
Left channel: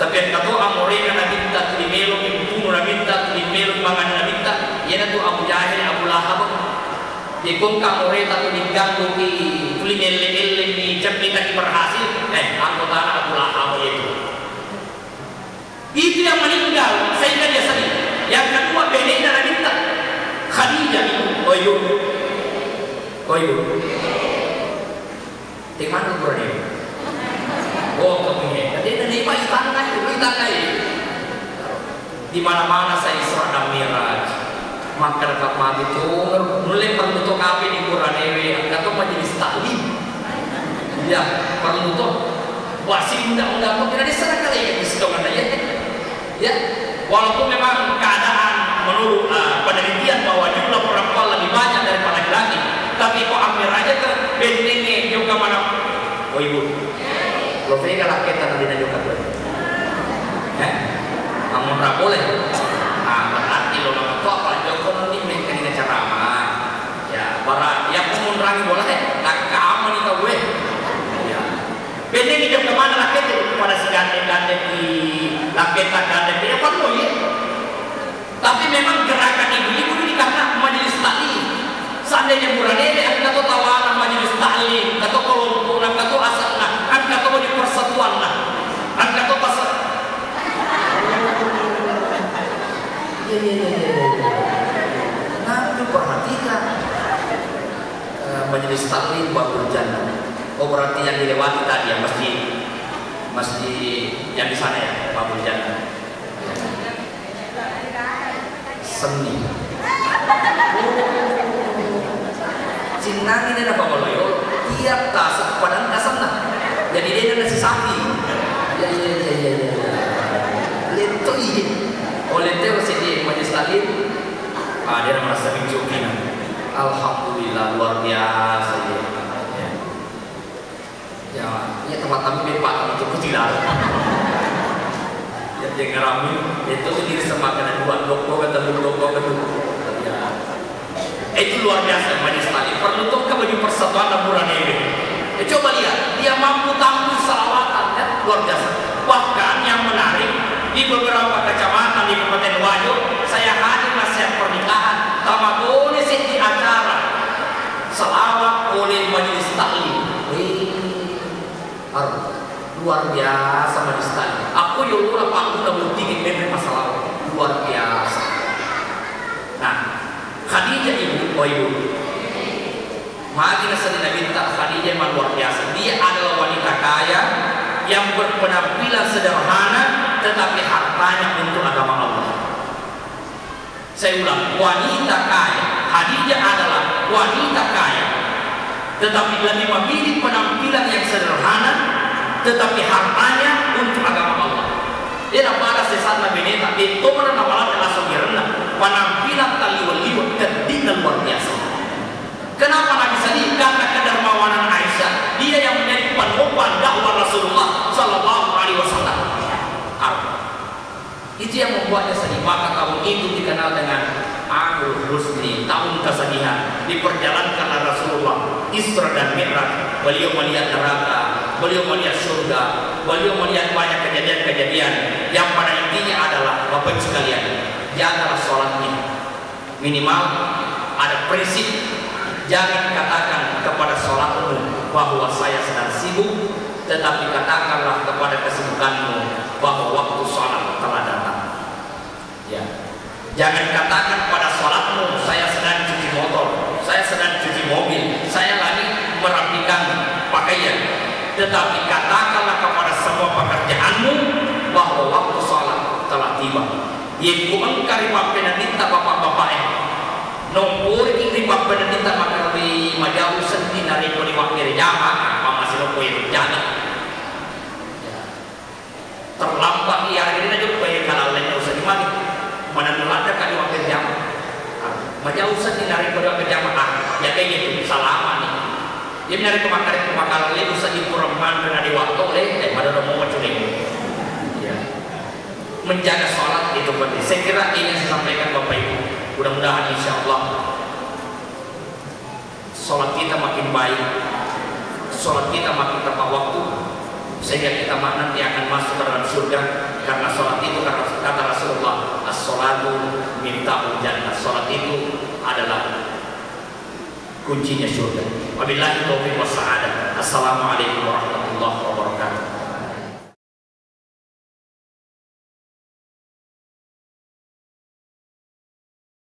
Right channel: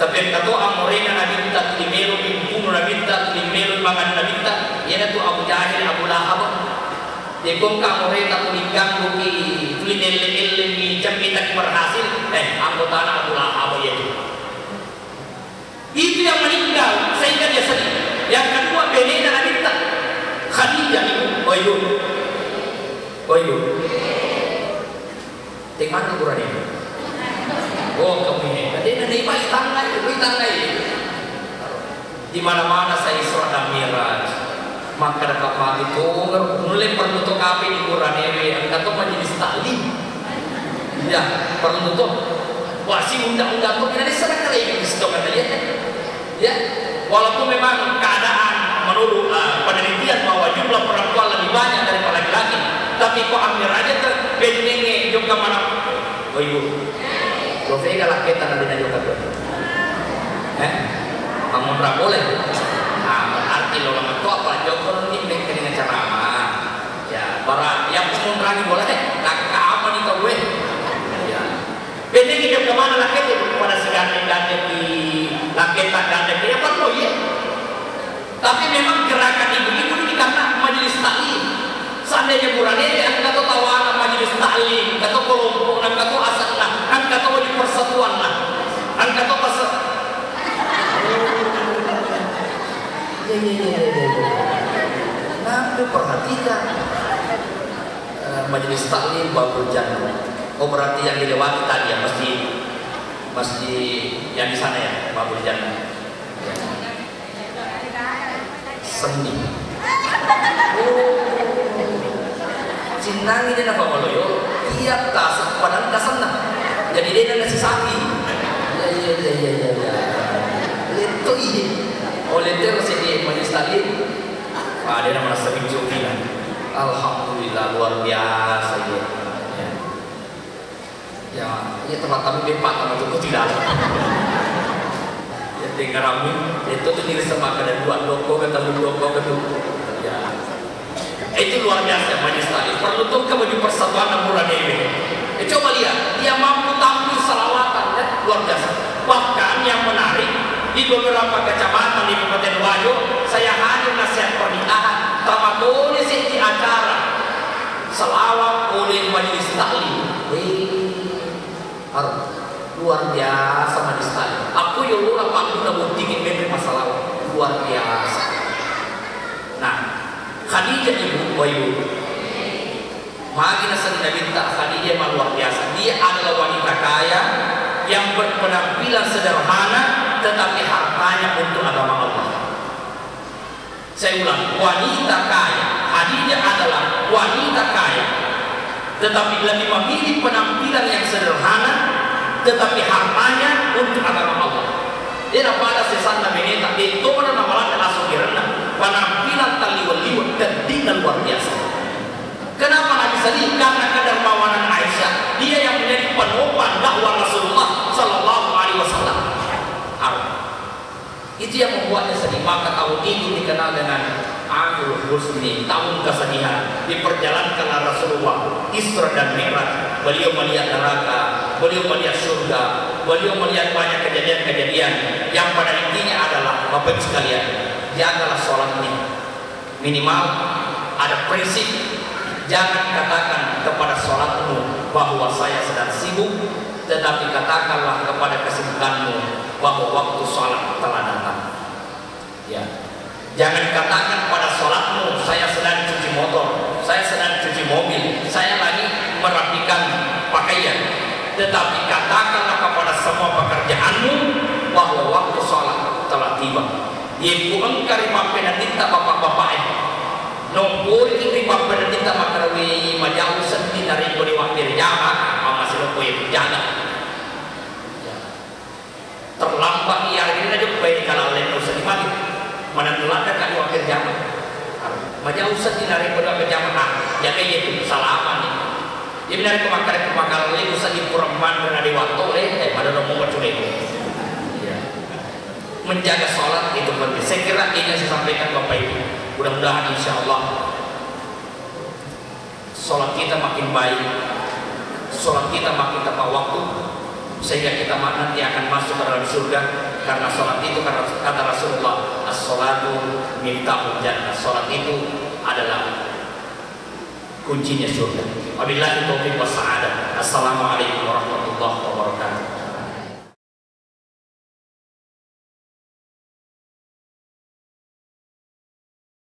Tapi yang kata Amrayna Nabi minta tulis belum dibunuh Nabi minta tulis belum makan Nabi minta ia tu Abu Jahil Abu Lahab. Jadi kungka Amrayna tulis ganggu tulis eleng di jam kita berhasil anggota Abu Lahab itu. Itu yang meninggal sehingga dia sedih. Yang kedua Benina Nabi minta Khadijah itu di mana kurangnya? Oh, kepingin. Jadi nanti pas tangga itu. Di mana-mana saya Isra dan Mi'raj. Maka dekat pagi itu mulai perlu kafe di Quranewe, atau majelis taklim. Ya, perlu tuh. Wasi undang-undang itu di sana kali ini sekarang aja. Ya, walaupun memang keadaan menurut penelitian bahwa jumlah perempuan lebih banyak daripada laki-laki. Tapi kok ambil aja terbentengnya juga mana? Oh ibu, kalau saya kalau kita nanti nanya juga, ngomong berapa boleh? Berarti lo ngomong kok kalau kalau ini dengan ceramah, ya berat. Yang ngomong rangi boleh, nggak aman itu gue. Ya, benteng hidup kemana nak itu? Pada si gandeng di lapeta gandeng dia apa lo ya? Tapi memang gerakan ibu ini karena majelis taklim. Seandainya burannya yang kata tawanan majelis taklim, kata kelompokan, kata asal lah, kata wajib persatuan lah, kata persatuan. Nah, perhatikan majelis taklim baru berjalan. Oh berarti yang dilewati tadi ya masjid yang di sana ya baru berjalan. Seni. Cinang ini apa kalau yo? Iya tasuk padang kasana. Jadi dia nasi saki. Ya. Lento ini. Oleh itu sini majelis taklim. Dia merasa mencukupi. Alhamdulillah luar biasa ya. Ya tempat kami bepak untuk putih lah. Ya dengar kami itu tuh diri sama kena dua ketemu. Ya. Itu luar biasa majelis taklim. Perlu tuh bagi persatuan bulan ini. Coba lihat, dia mampu tampil salawatan ya, luar biasa. Bahkan yang menarik di beberapa kecamatan di Kabupaten Wajo, saya hadir nasihat pernikahan, tak boleh di acara selawat oleh majelis taklim. Luar biasa majelis taklim. Aku yang lupa aku udah tinggi memang masalah luar biasa. Nah, Khadijah ibu, Magi Nabi minta Khadijah memang luar biasa. Dia adalah wanita kaya yang berpenampilan sederhana tetapi hartanya untuk agama Allah. Saya ulang, wanita kaya. Khadijah adalah wanita kaya tetapi lebih memilih penampilan yang sederhana tetapi hartanya untuk agama Allah. Dia pada sesat Nabi Neta itu pada malam langsung direndam penampilan tali-wali dan luar biasa. Kenapa Nabi sedih? Karena kedermawanan Aisyah. Dia yang menjadi Itu yang membuatnya sedih. Maka tahun itu dikenal dengan Amul Husni, tahun kesedihan. Diperjalankanlah Rasulullah Isra dan Mi'raj. Beliau melihat neraka, beliau melihat surga, beliau melihat banyak kejadian-kejadian yang pada intinya adalah Bapak sekalian, dia adalah sholatnya. Minimal ada prinsip, jangan katakan kepada sholatmu bahwa saya sedang sibuk, tetapi katakanlah kepada kesibukanmu bahwa waktu sholat telah datang. Ya. Jangan katakan pada sholatmu saya sedang cuci motor, saya sedang cuci mobil, saya lagi merapikan pakaian. Tetapi katakanlah kepada semua pekerjaanmu bahwa waktu sholat telah tiba. Ibu engkari pampenadita bapak-bapak nombor itu di pampenadita bakal di majau senti dari beri wakil jamaah masih lupa itu jangan terlambat ia ini aja baik kalau lain usah dimana mana melanda kali wakil jamaah majau senti dari beri wakil jamaah ya kayak gitu salah nih. Jadi dari kemakaran lain usah dikurangkan karena di waktu lain daripada nomor curi. Menjaga sholat itu penting. Saya kira ini saya sampaikan Bapak Ibu. Mudah-mudahan insya Allah sholat kita makin baik, sholat kita makin tepat waktu, sehingga kita nanti akan masuk ke dalam surga. Karena sholat itu kata Rasulullah, as-sholatu miftahul jannah. Sholat itu adalah kuncinya surga. Wabillahi taufiq wa sa'adah. Assalamualaikum warahmatullahi wabarakatuh.